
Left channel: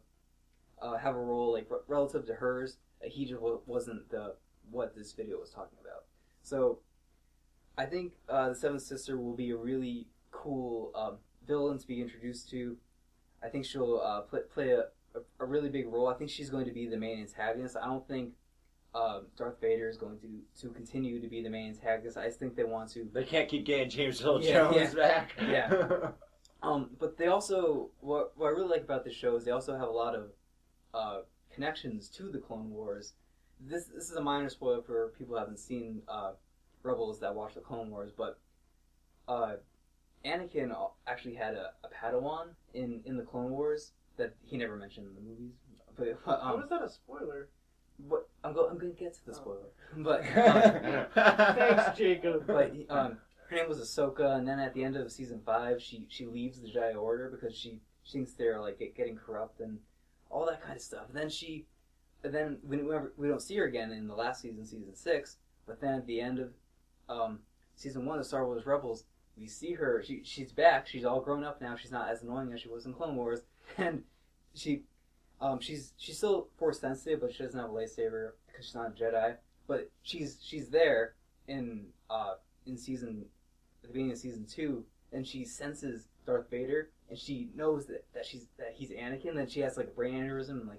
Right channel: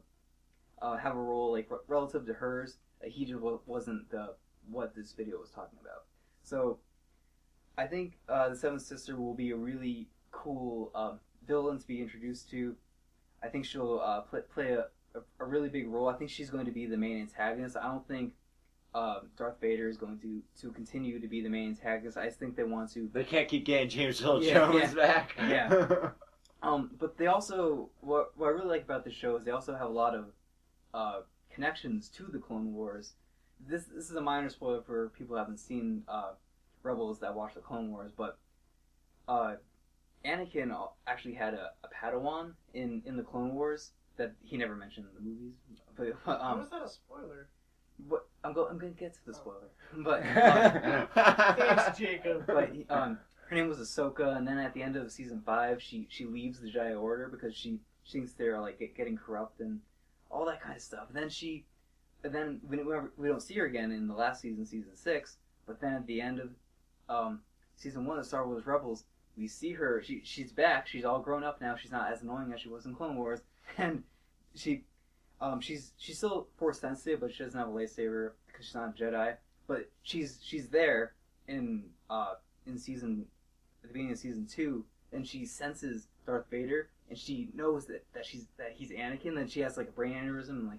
role like relative to hers. He just wasn't what this video was talking about. So I think the Seventh Sister will be a really cool villain to be introduced to. I think she'll play a really big role. I think she's going to be the main antagonist. I don't think Darth Vader is going to continue to be the main antagonist. I just think they want to. They can't keep getting James Earl Jones back. Yeah. But they also what I really like about this show is they also have a lot of connections to the Clone Wars. This is a minor spoiler for people who haven't seen Rebels that watch the Clone Wars, but Anakin actually had a Padawan in the Clone Wars that he never mentioned in the movies. But How is that a spoiler? But I'm going to get to the spoiler. But Thanks, Jacob. But her name was Ahsoka, and then at the end of season 5, she leaves the Jedi Order because she thinks they're like getting corrupt and all that kind of stuff. And then we don't see her again in the last season, season 6. But then at the end of season 1 of Star Wars Rebels, we see her. She's back. She's all grown up now. She's not as annoying as she was in Clone Wars, and she's still Force sensitive, but she doesn't have a lightsaber because she's not a Jedi. But she's there in at the beginning of season 2, and she senses Darth Vader, and she knows that he's Anakin. Then she has like a brain aneurysm,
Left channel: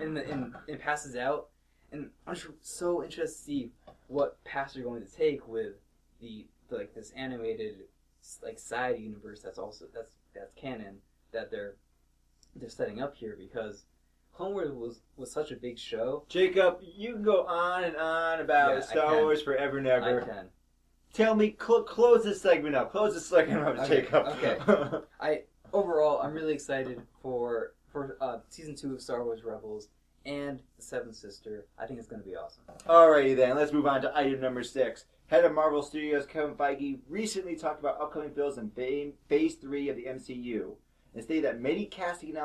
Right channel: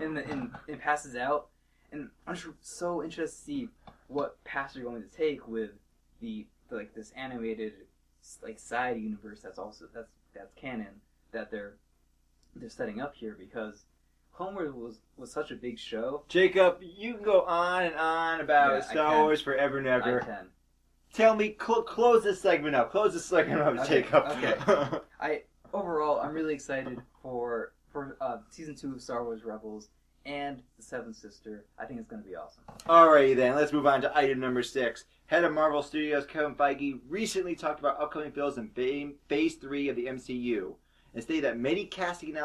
and it passes out. And I'm just so interested to see what path they're going to take with this animated like side universe that's canon that they're setting up here, because Clone Wars was such a big show. Jacob, you can go on and on about Star Wars forever and ever. I can. Tell me, close this segment up. Close this segment up, Okay, Jacob. Okay. Overall, I'm really excited for season 2 of Star Wars Rebels and the Seventh Sister. I think it's going to be awesome. Alrighty then, let's move on to item number 6. Head of Marvel Studios Kevin Feige recently talked about upcoming films in Phase 3 of the MCU. and stated that many casting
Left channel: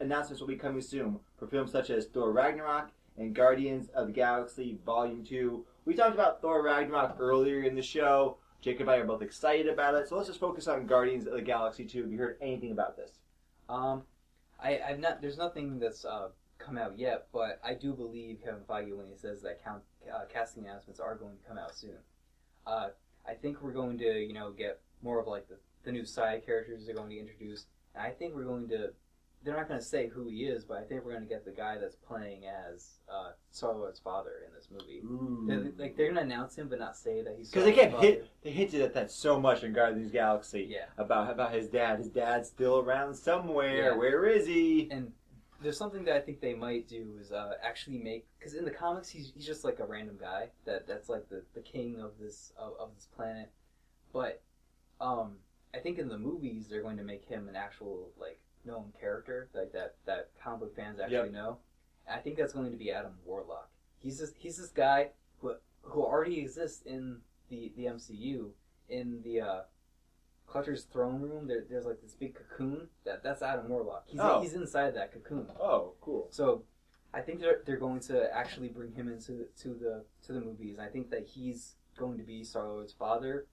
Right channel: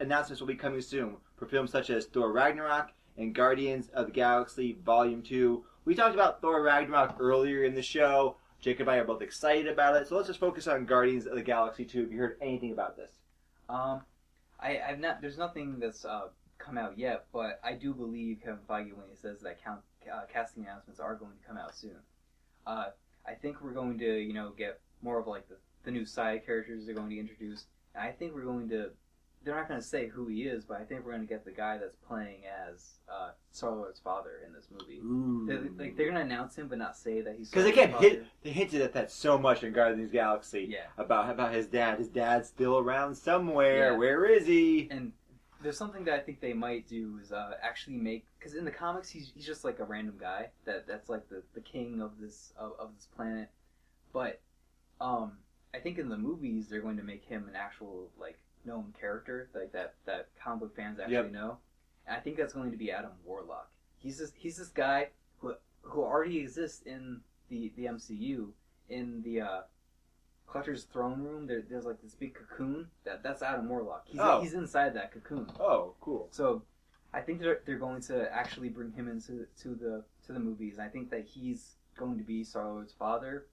announcements will be coming soon for films such as Thor Ragnarok and Guardians of the Galaxy Volume 2. We talked about Thor Ragnarok earlier in the show. Jacob and I are both excited about it, so let's just focus on Guardians of the Galaxy 2. Have you heard anything about this? I've not. There's nothing that's come out yet, but I do believe Kevin Feige when he says that casting announcements are going to come out soon. I think we're going to, get more of like the new side characters they're going to introduce, and I think we're going to. They're not going to say who he is, but I think we're going to get the guy that's playing as Star-Lord's father in this movie. They're going to announce him, but not say that he's. Because they hinted at that so much in Guardians of the Galaxy. Yeah. About his dad. His dad's still around somewhere. Yeah. Where is he? And there's something that I think they might do is actually make, because in the comics he's just like a random guy that's like the king of this planet, but I think in the movies they're going to make him an actual like known character like that comic book fans actually know, and I think that's going to be Adam Warlock. He's this guy who already exists in the MCU in the Clutcher's throne room. There's like this big cocoon. That's Adam Warlock. He's inside that cocoon. Oh, cool. So, I think they're going to actually bring him into the movies. I think that he's going to be Star-Lord's father.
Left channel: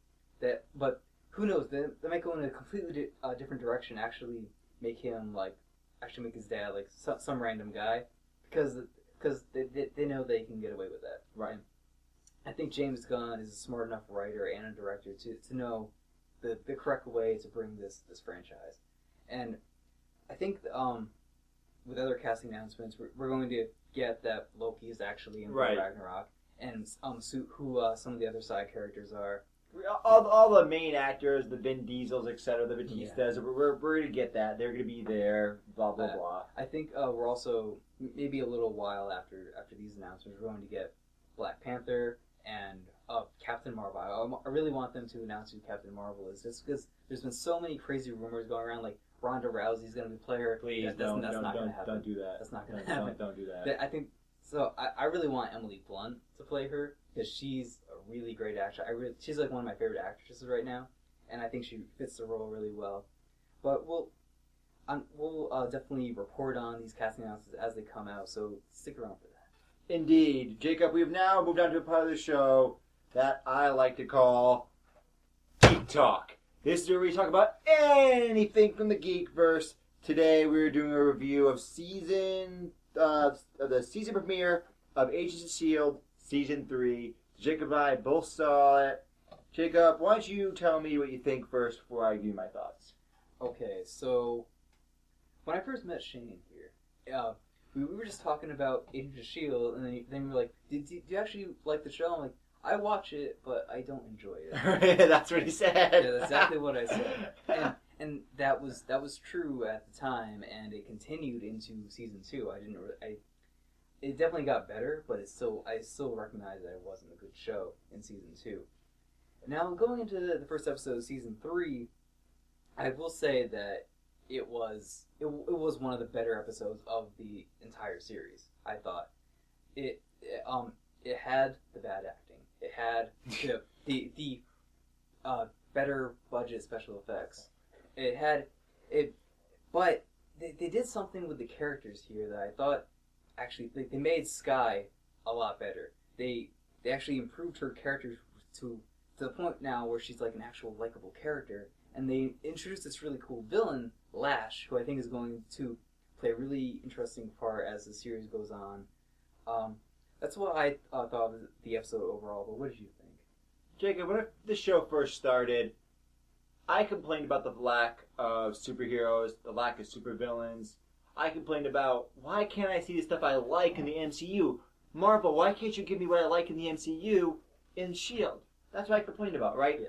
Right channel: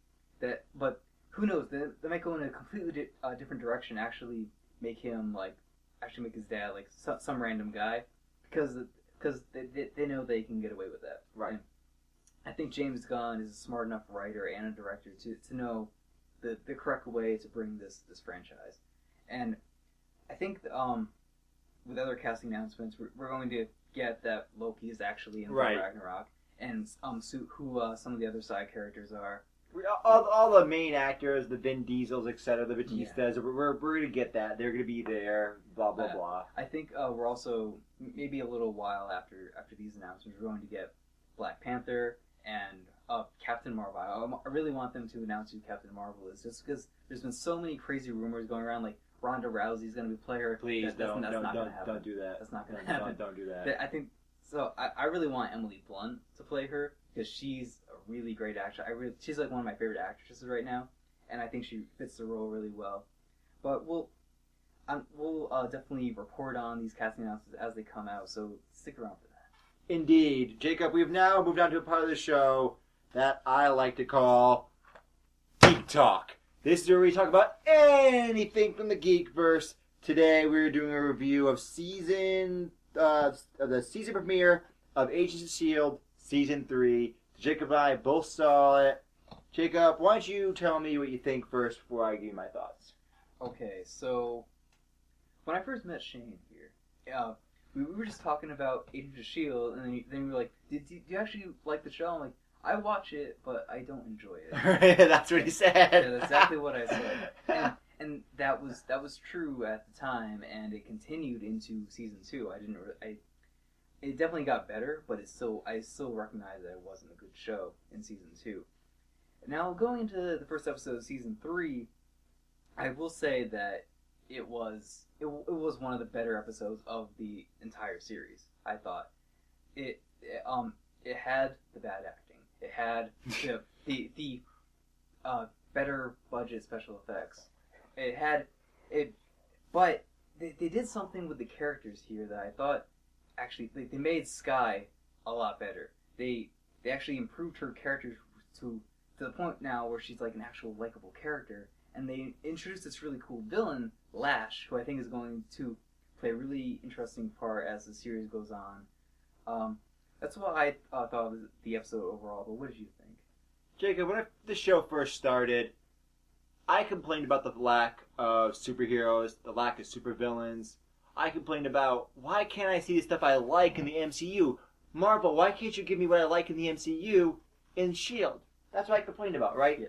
But who knows? They might go in a completely different direction. Actually, make him make his dad like some random guy, because they know they can get away with that. Right. And I think James Gunn is a smart enough writer and a director to know the correct way to bring this franchise. And I think with other casting announcements, we're going to get that Loki is actually in Ragnarok, and who some of the other side characters are. All the main actors, the Vin Diesels, etc., the Batistas, we're going to get that. They're going to be there, blah, blah, blah. I think we're also, maybe a little while after these announcements, we're going to get Black Panther and Captain Marvel. I really want them to announce who Captain Marvel is, just because there's been so many crazy rumors going around, like Ronda Rousey's going to be playing her. Please, that's not going to happen. Don't do that. That's not going to happen. Don't do that. I think, so I really want Emily Blunt to play her, because she's a really great actress. She's like one of my favorite actresses right now, and I think she fits the role really well. But we'll definitely report on these casting announcements as they come out, so stick around for that. Indeed. Jacob, we've now moved on to a part of the show that I like to call Geek Talk. This is where we talk about anything from the Geekverse. Today we're doing a review of the season premiere of Agents of S.H.I.E.L.D. Season 3. Jacob and I both saw it. Jacob, why don't you tell me what you think first before I give you my thoughts? Okay, so when I first met Shane here, we were just talking about Agents of S.H.I.E.L.D., and then you were like, do you actually like the show? I'm like, I watch it, but I don't enjoy it. That's what he said. Yeah, that's exactly what I said. And that was true at the time, and it continued into season 2. It definitely got better, but I still recognize that it wasn't a good show in season 2. Now, going into the first episode of season 3, I will say that it was one of the better episodes of the entire series. I thought it had the bad acting. It had the better budget special effects. But they did something with the characters here that I thought actually they made Skye a lot better. They actually improved her character to the point now where she's like an actual likable character, and they introduced this really cool villain, Lash, who I think is going to play a really interesting part as the series goes on. That's what I thought of the episode overall, but what did you think? Jacob, when the show first started, I complained about the lack of superheroes, the lack of supervillains. I complained about, why can't I see the stuff I like in the MCU? Marvel, why can't you give me what I like in the MCU in S.H.I.E.L.D.? That's what I complained about, right? Yeah.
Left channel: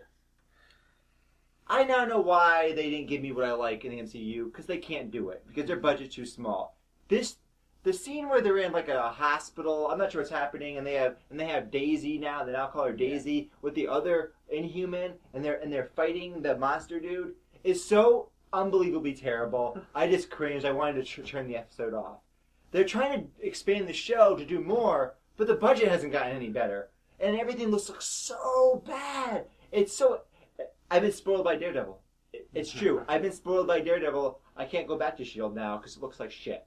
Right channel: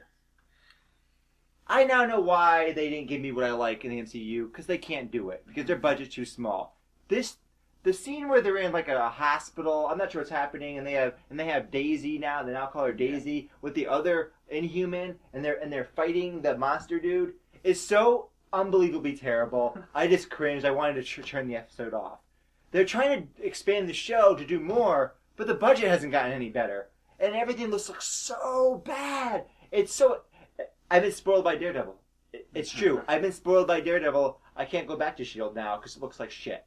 I now know why they didn't give me what I like in the MCU, because they can't do it, because their budget's too small. The scene where they're in like a hospital, I'm not sure what's happening, and they have Daisy now. They now call her Daisy with the other Inhuman, and they're fighting the monster dude. Is so unbelievably terrible. I just cringed. I wanted to turn the episode off. They're trying to expand the show to do more, but the budget hasn't gotten any better, and everything looks so bad. It's so. I've been spoiled by Daredevil. It's true. I've been spoiled by Daredevil. I can't go back to S.H.I.E.L.D. now because it looks like shit.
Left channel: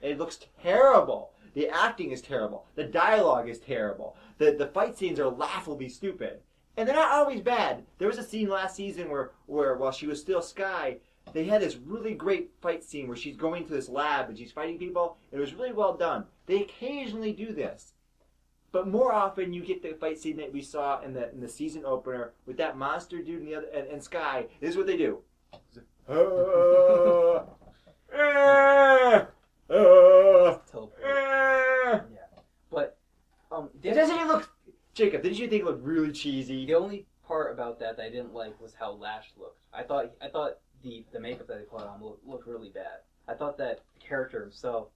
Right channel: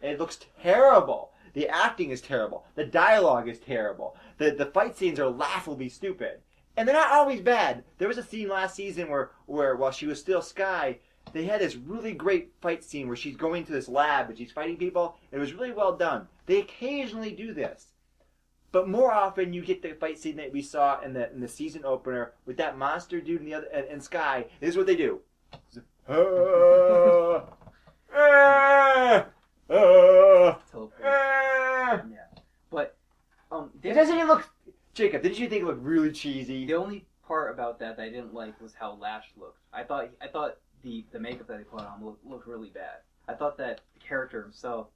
It looks terrible. The acting is terrible. The dialogue is terrible. The fight scenes are laughably stupid. And they're not always bad. There was a scene last season where while she was still Skye, they had this really great fight scene where she's going to this lab and she's fighting people. It was really well done. They occasionally do this. But more often you get the fight scene that we saw in the season opener with that monster dude and Skye. This is what they do. Teleport. Yeah. But It doesn't even look... Jacob, didn't you think it looked really cheesy? the only part about that I didn't like was how Lash looked. I thought the makeup that they put on looked really bad. I thought that the character himself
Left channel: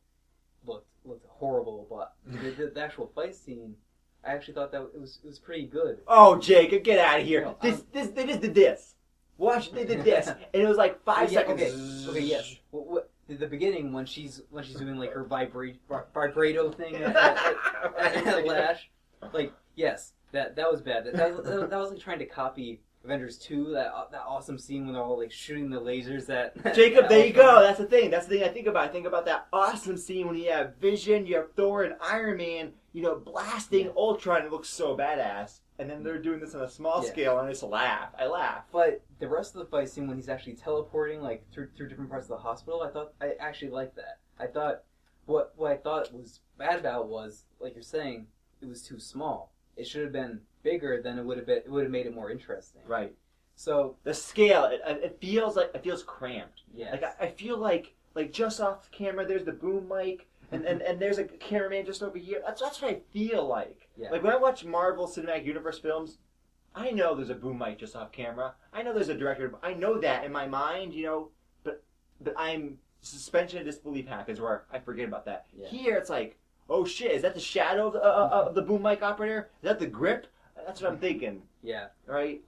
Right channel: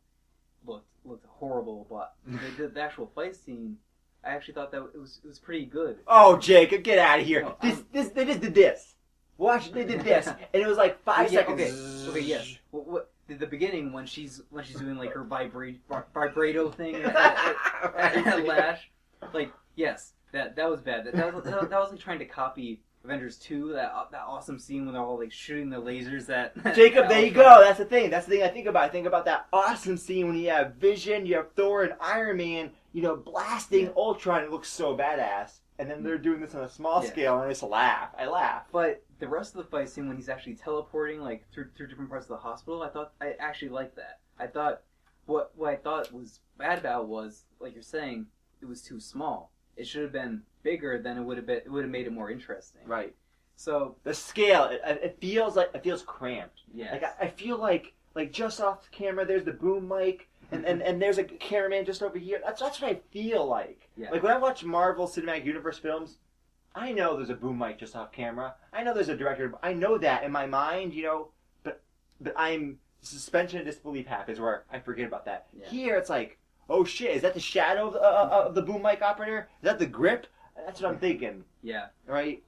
looked horrible, but the actual fight scene, I actually thought that it was pretty good. Oh, Jacob, get out of here! No, They just did this. Watch, they did this, and it was like 5 seconds. Okay, yes. What the beginning when she's doing like her vibrato thing at Lash, like yes, that was bad. That was like trying to copy Avengers 2, that awesome scene when they're all like shooting the lasers at Jacob, there you go. That's the thing. That's the thing I think about. I think about that awesome scene when you have Vision, you have Thor and Iron Man, blasting Ultron. It looks so badass. And then they're doing this on a small scale, and I just laugh. I laugh. But the rest of the fight scene when he's actually teleporting like through different parts of the hospital, I actually liked that. I thought what I thought was bad about was, like you're saying, it was too small. It should have been bigger, then it would have made it more interesting. Right. So the scale, it feels cramped. Yeah. Like I feel like just off the camera, there's the boom mic, and there's a cameraman just over here. That's what I feel like. Yeah. Like when I watch Marvel Cinematic Universe films, I know there's a boom mic just off camera. I know there's a director. I know that in my mind, but I'm suspension of disbelief happens where I forget about that. Yeah. Here it's like, oh shit, is that the shadow of the boom mic operator? Is that the grip? That's what I'm thinking. Yeah. Right?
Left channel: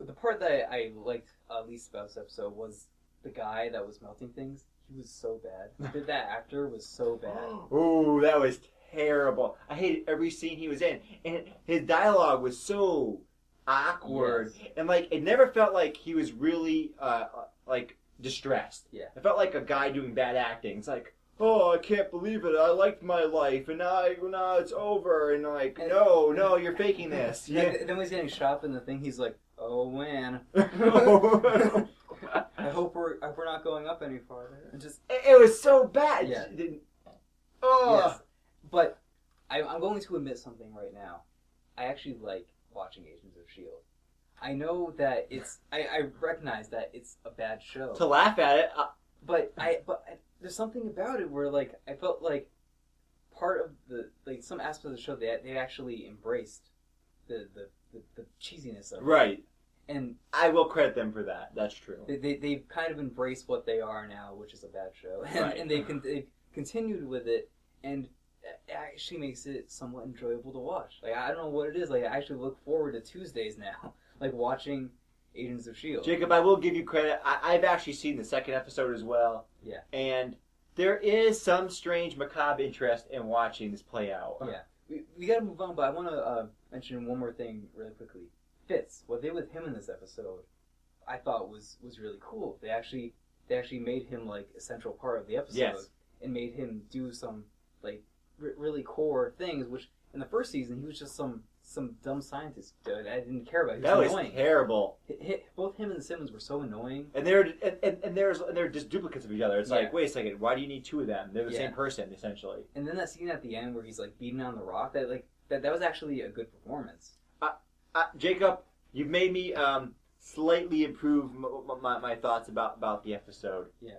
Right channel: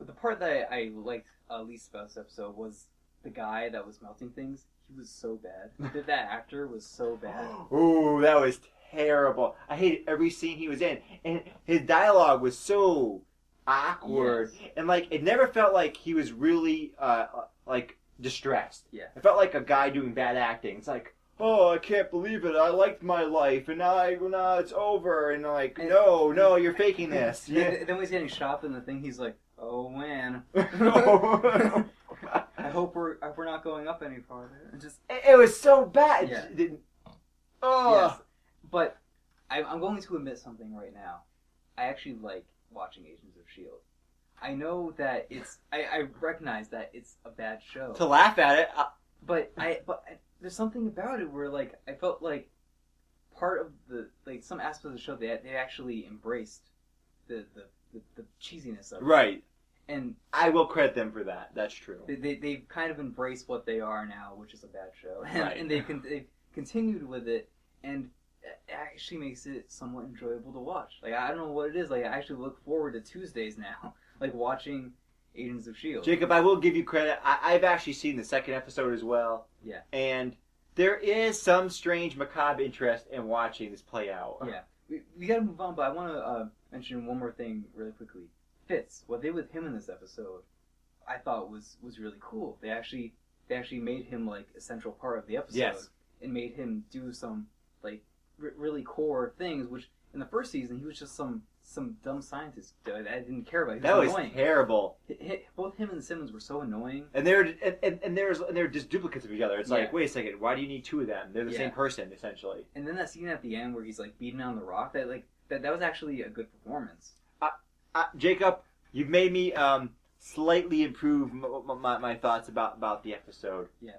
The part that I liked least about this episode was the guy that was melting things. He was so bad. That actor was so bad. Ooh, that was terrible. I hated every scene he was in. And his dialogue was so awkward. Yes. And it never felt like he was really distressed. Yeah. It felt like a guy doing bad acting. It's like, oh, I can't believe it. I liked my life, and now it's over. And no, you're faking this. Yeah. Then when he's getting shot up in the thing, he's like, oh man. I hope we're not going up any farther. And just it was so bad. Yeah. Oh. Yes. But I'm going to admit something right now. I actually like watching Agents of S.H.I.E.L.D. I know that I recognize that it's a bad show. To laugh at it. But there's something about it where I felt like part of some aspect of the show they actually embraced the cheesiness of it. Right. And I will credit them for that. That's true. They've kind of embraced what they are now, which is a bad show. Right. And they've continued with it, and it actually makes it somewhat enjoyable to watch. I don't know what it is. I actually look forward to Tuesdays now, watching Agents of S.H.I.E.L.D. Jacob, I will give you credit. I've actually seen the second episode as well. Yeah. And there is some strange macabre interest in watching this play out. Yeah. We gotta move on, but I want to mention one more thing really quickly. Fitz, what they did with him in this episode, I thought was really cool. They actually made him a central part of the episode. Yes. And made him do some really core things, which in the first season he was just some dumb scientist that I didn't care about. That was annoying. terrible. Both him and Simmons were so annoying. And they're just duplicates of each other. It's Yeah. like, wait a second, why do you need two of them? They're the Yeah. same person essentially. And then that scene at the end where he's beating on the rock, that was actually a good performance. Jacob, you've made me slightly improve my thoughts about the episode. Yeah,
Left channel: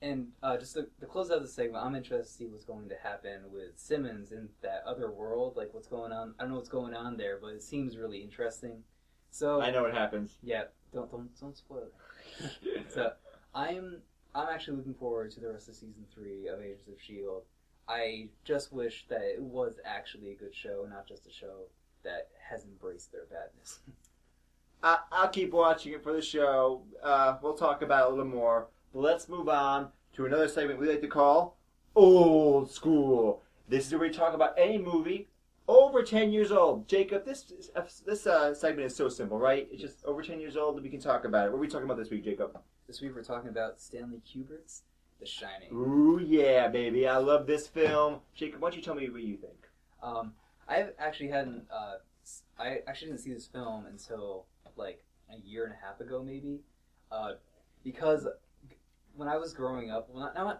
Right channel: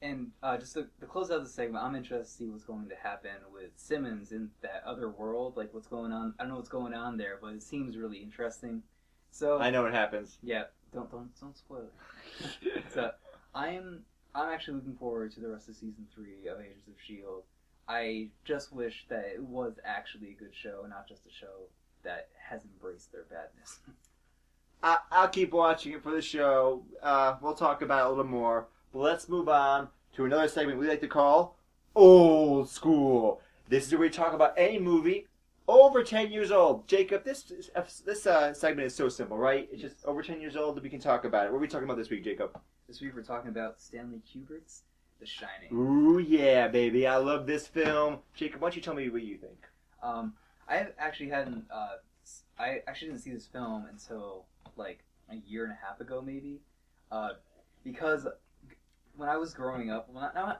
and just to close out the segment, I'm interested to see what's going to happen with Simmons in that other world. What's going on? I don't know what's going on there, but it seems really interesting. So I know what happens. Yeah, don't spoil it. So I'm actually looking forward to the rest of season 3 of Agents of S.H.I.E.L.D. I just wish that it was actually a good show, not just a show that has embraced their badness. I'll keep watching it for the show. We'll talk about it a little more. But let's move on to another segment we like to call Old School. This is where we talk about any movie over 10 years old. Jacob, this segment is so simple, right? It's just over 10 years old that we can talk about it. What are we talking about this week, Jacob? This week we're talking about Stanley Kubrick's The Shining. Ooh, yeah, baby. I love this film. Jacob, why don't you tell me what you think? I actually didn't see this film until like a year and a half ago, maybe, because when I was growing up, when I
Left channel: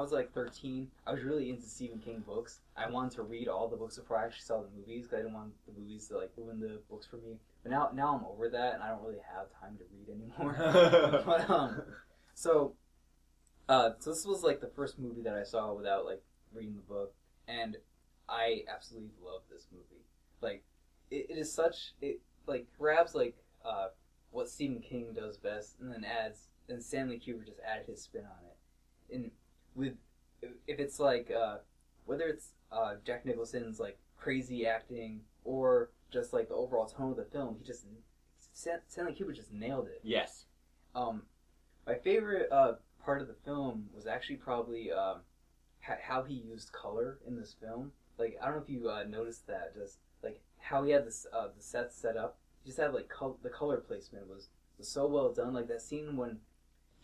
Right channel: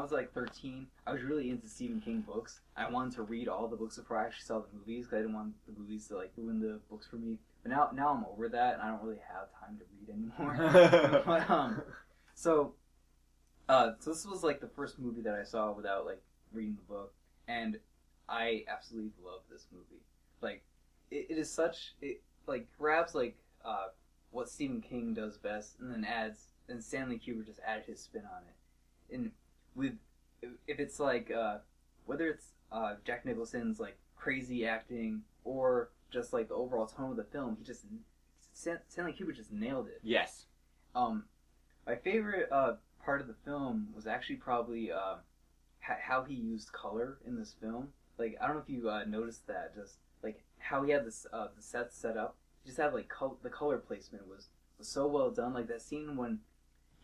was like 13, I was really into Stephen King books. I wanted to read all the books before I actually saw the movies because I didn't want the movies to like ruin the books for me. But now I'm over that and I don't really have time to read anymore. So this was like the first movie that I saw without like reading the book, and I absolutely love this movie. Like it is such, it like grabs like what Stephen King does best, and then Stanley Kubrick just added his spin on it. And if it's like whether it's Jack Nicholson's like crazy acting or just like the overall tone of the film, Stanley Kubrick just nailed it. Yes. My favorite part of the film was actually probably how he used color in this film. Like, I don't know if you noticed that, just like how he had this the set set up. He just had like the color placement was so well done. Like that scene when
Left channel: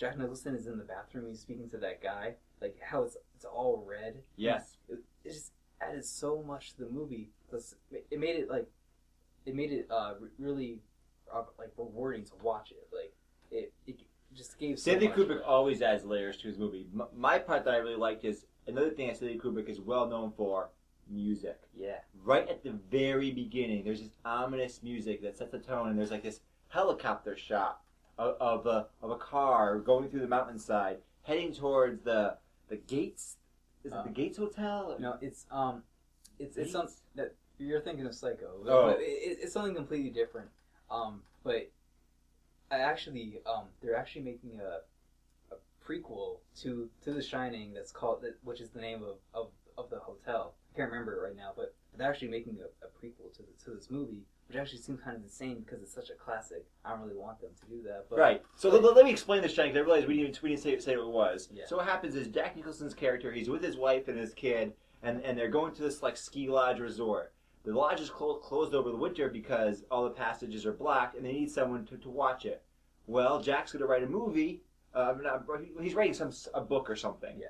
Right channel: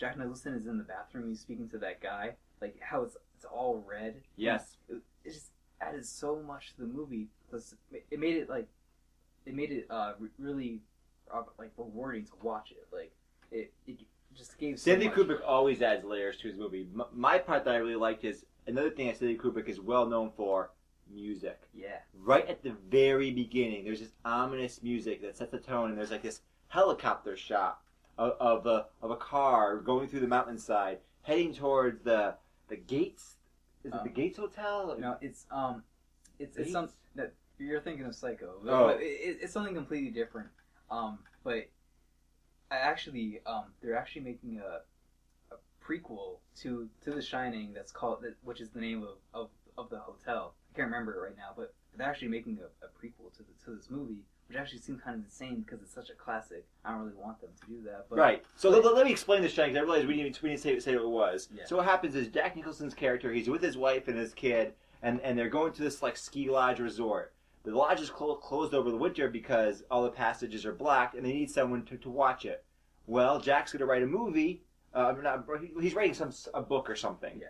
Jack Nicholson is in the bathroom, he's speaking to that guy. Like how it's all red. Yes. It just added so much to the movie. It made it really like rewarding to watch it. Like it just gave so Stanley much. Kubrick always adds layers to his movie. My part that I really liked is another thing that Stanley Kubrick is well known for: music. Yeah. Right at the very beginning, there's this ominous music that sets the tone, and there's like this helicopter shot of a car going through the mountainside, heading towards the Gates. Is it the Gates Hotel? No, it's some that you're thinking of Psycho. Oh. But it's something completely different. But they're actually making a prequel to The Shining that's called, which is the name of the hotel. I can't remember it right now, but they're actually making a prequel to this movie, which actually seems kind of insane because it's such a classic. I don't really want them to do that. But, Right. So let me explain The Shining, because I realized we didn't say what it was. Yeah. So what happens is Jack Nicholson's character, he's with his wife and his kid, and they're going to this like ski lodge resort. The lodge is closed over the winter because all the passages are black, and they need someone to watch it. Well, Jack's going to write a movie. He's writing a book or something. Yeah.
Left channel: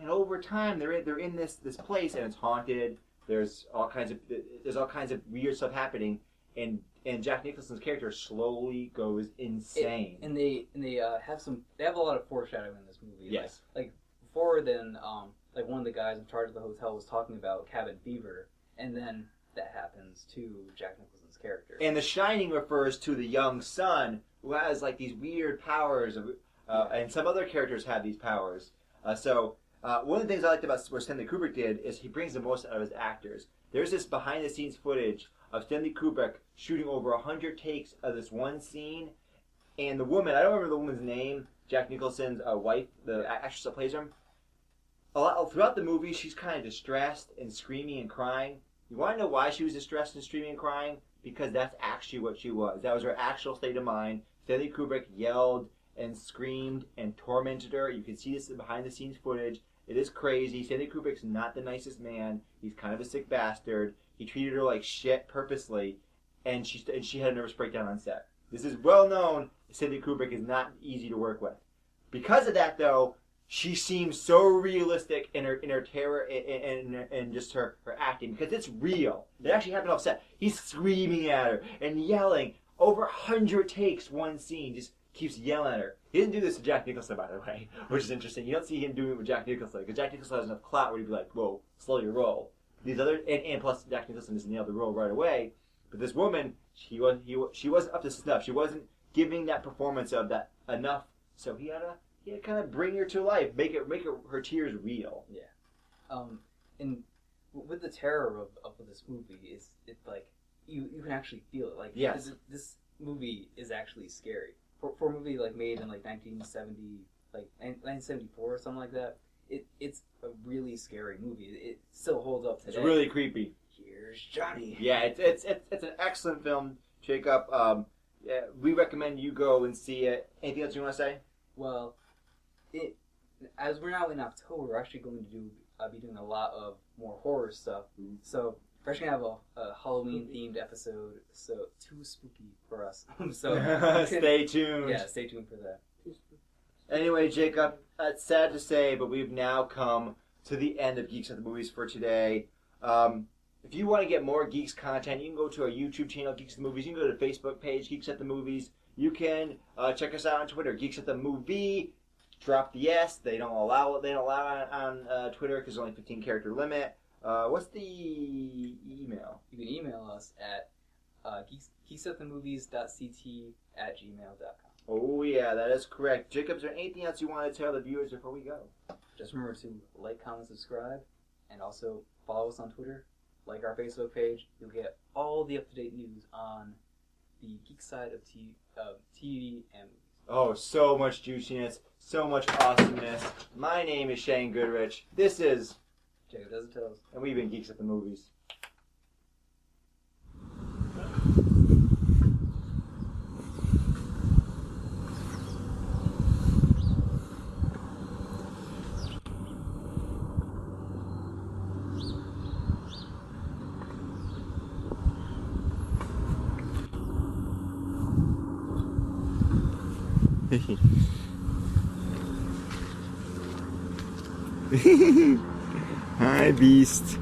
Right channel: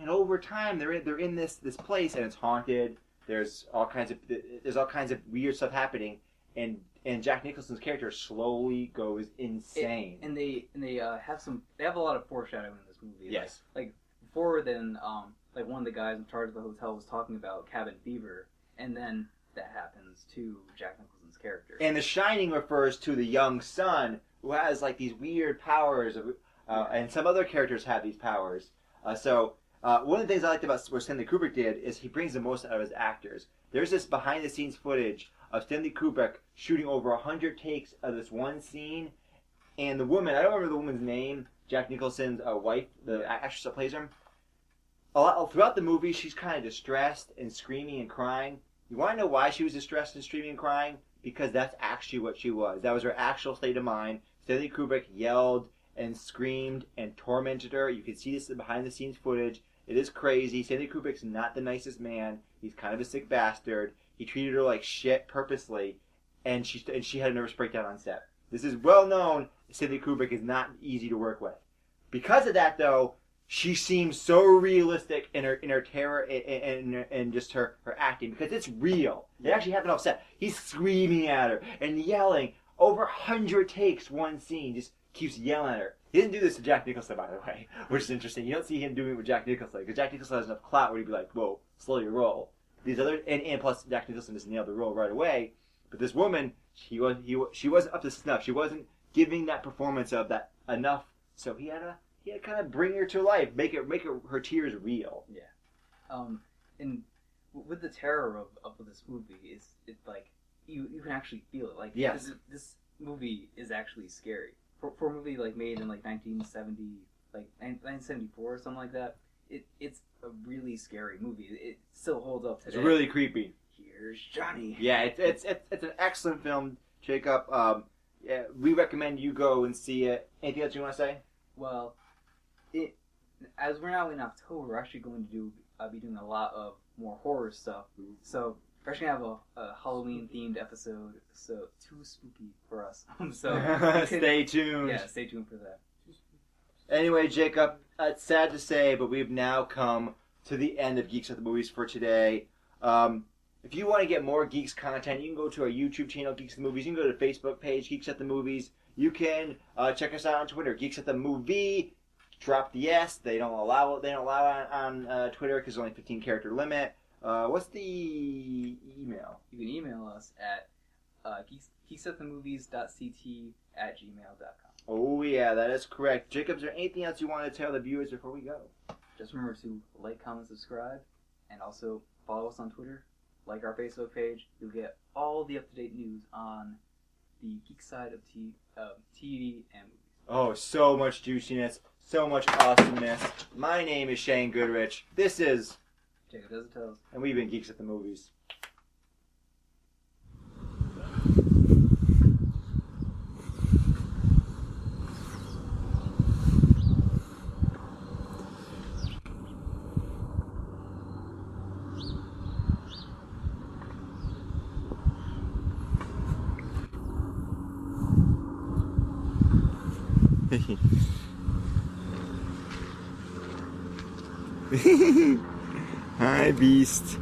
And over time, they're in this place, and it's haunted. There's all kinds of weird stuff happening, and Jack Nicholson's character slowly goes insane. And they have a lot of foreshadowing in this movie. Yes. Like before then, like one of the guys in charge of the hotel was talking about cabin fever, and then that happens to Jack Nicholson's character. And The Shining refers to the young son who has like these weird powers, and some other characters have these powers. One of the things I liked about what Stanley Kubrick did is he brings the most out of his actors. There's this behind-the-scenes footage of Stanley Kubrick shooting over 100 takes of this one scene, and the woman, I don't remember the woman's name, Jack Nicholson's wife, the actress that plays him, throughout the movie she's kind of distressed and screaming and crying. You want to know why she was distressed and screaming and crying? Because that's actually what she was. That was her actual state of mind. Stanley Kubrick yelled and screamed and tormented her. You can see this in behind-the-scenes footage. It is crazy. Stanley Kubrick's not the nicest man. He's kind of a sick bastard. He treated her like shit purposely, and she had a nervous breakdown on set. This is well known. Stanley Kubrick is not easy to work with. Because of that, though, she seems so realistic in her terror and just her acting, because it's real. It actually happened off set. He's screaming at her and yelling. Over 100 takes, one scene, just keeps yelling at her. He didn't do this to Jack Nicholson, by the way, which is interesting. You don't see him doing it with Jack Nicholson, because Jack Nicholson has enough clout where he'd be like, whoa, slow your roll. These other, and plus Jack Nicholson just nailed the role right away. But this woman, she wasn't up to snuff. She wasn't giving that performance of that enough. So he had to kind of bring her to life, make her tears real. Yeah. And with the terror of this movie, it's like you can actually feel it. Like yes. This movie is actually scary. For a movie like made in like 1970, like 1974 or something like that, it's a really scary movie. It still holds up today. It's really creepy. Here's Johnny. Yeah, it's an excellent film, Jacob. Yeah, we recommend you go and see it. Anything else you want to say? Well, as we're now in October, we're actually going to do I'll be doing a lot of more horror stuff. So we're actually gonna have a Halloween themed episode. So too spooky for us. So Stay tuned. Yeah, stay tuned for that. Anyway, Jacob, it's sad to say, but we've now come to the end of Geeks at the Movies for today. If you want to get more Geeks content, you can go to our YouTube channel, Geeks at the Movies. You can go to the Facebook page, Geeks at the Movies. You can check us out on Twitter, Geeks at the Movie. Drop the S. They don't allow it. They don't allow it on Twitter because there's only 15 character limit. What's the email? You can email us at geeksatthemovies.ct@gmail.com. Oh yeah, that is correct. Jacob, is there anything else you want to tell the viewers before we go? Just remember to like, comment, subscribe, and also follow us on Twitter. Like our Facebook page. You'll get all the up-to-date news on the geek side of TV and movies. Oh, so much juiciness, so much awesomeness. My name is Shane Goodrich. This is Jacob Does It Tells. And we've been Geeks at the Movies. Hi, Beast.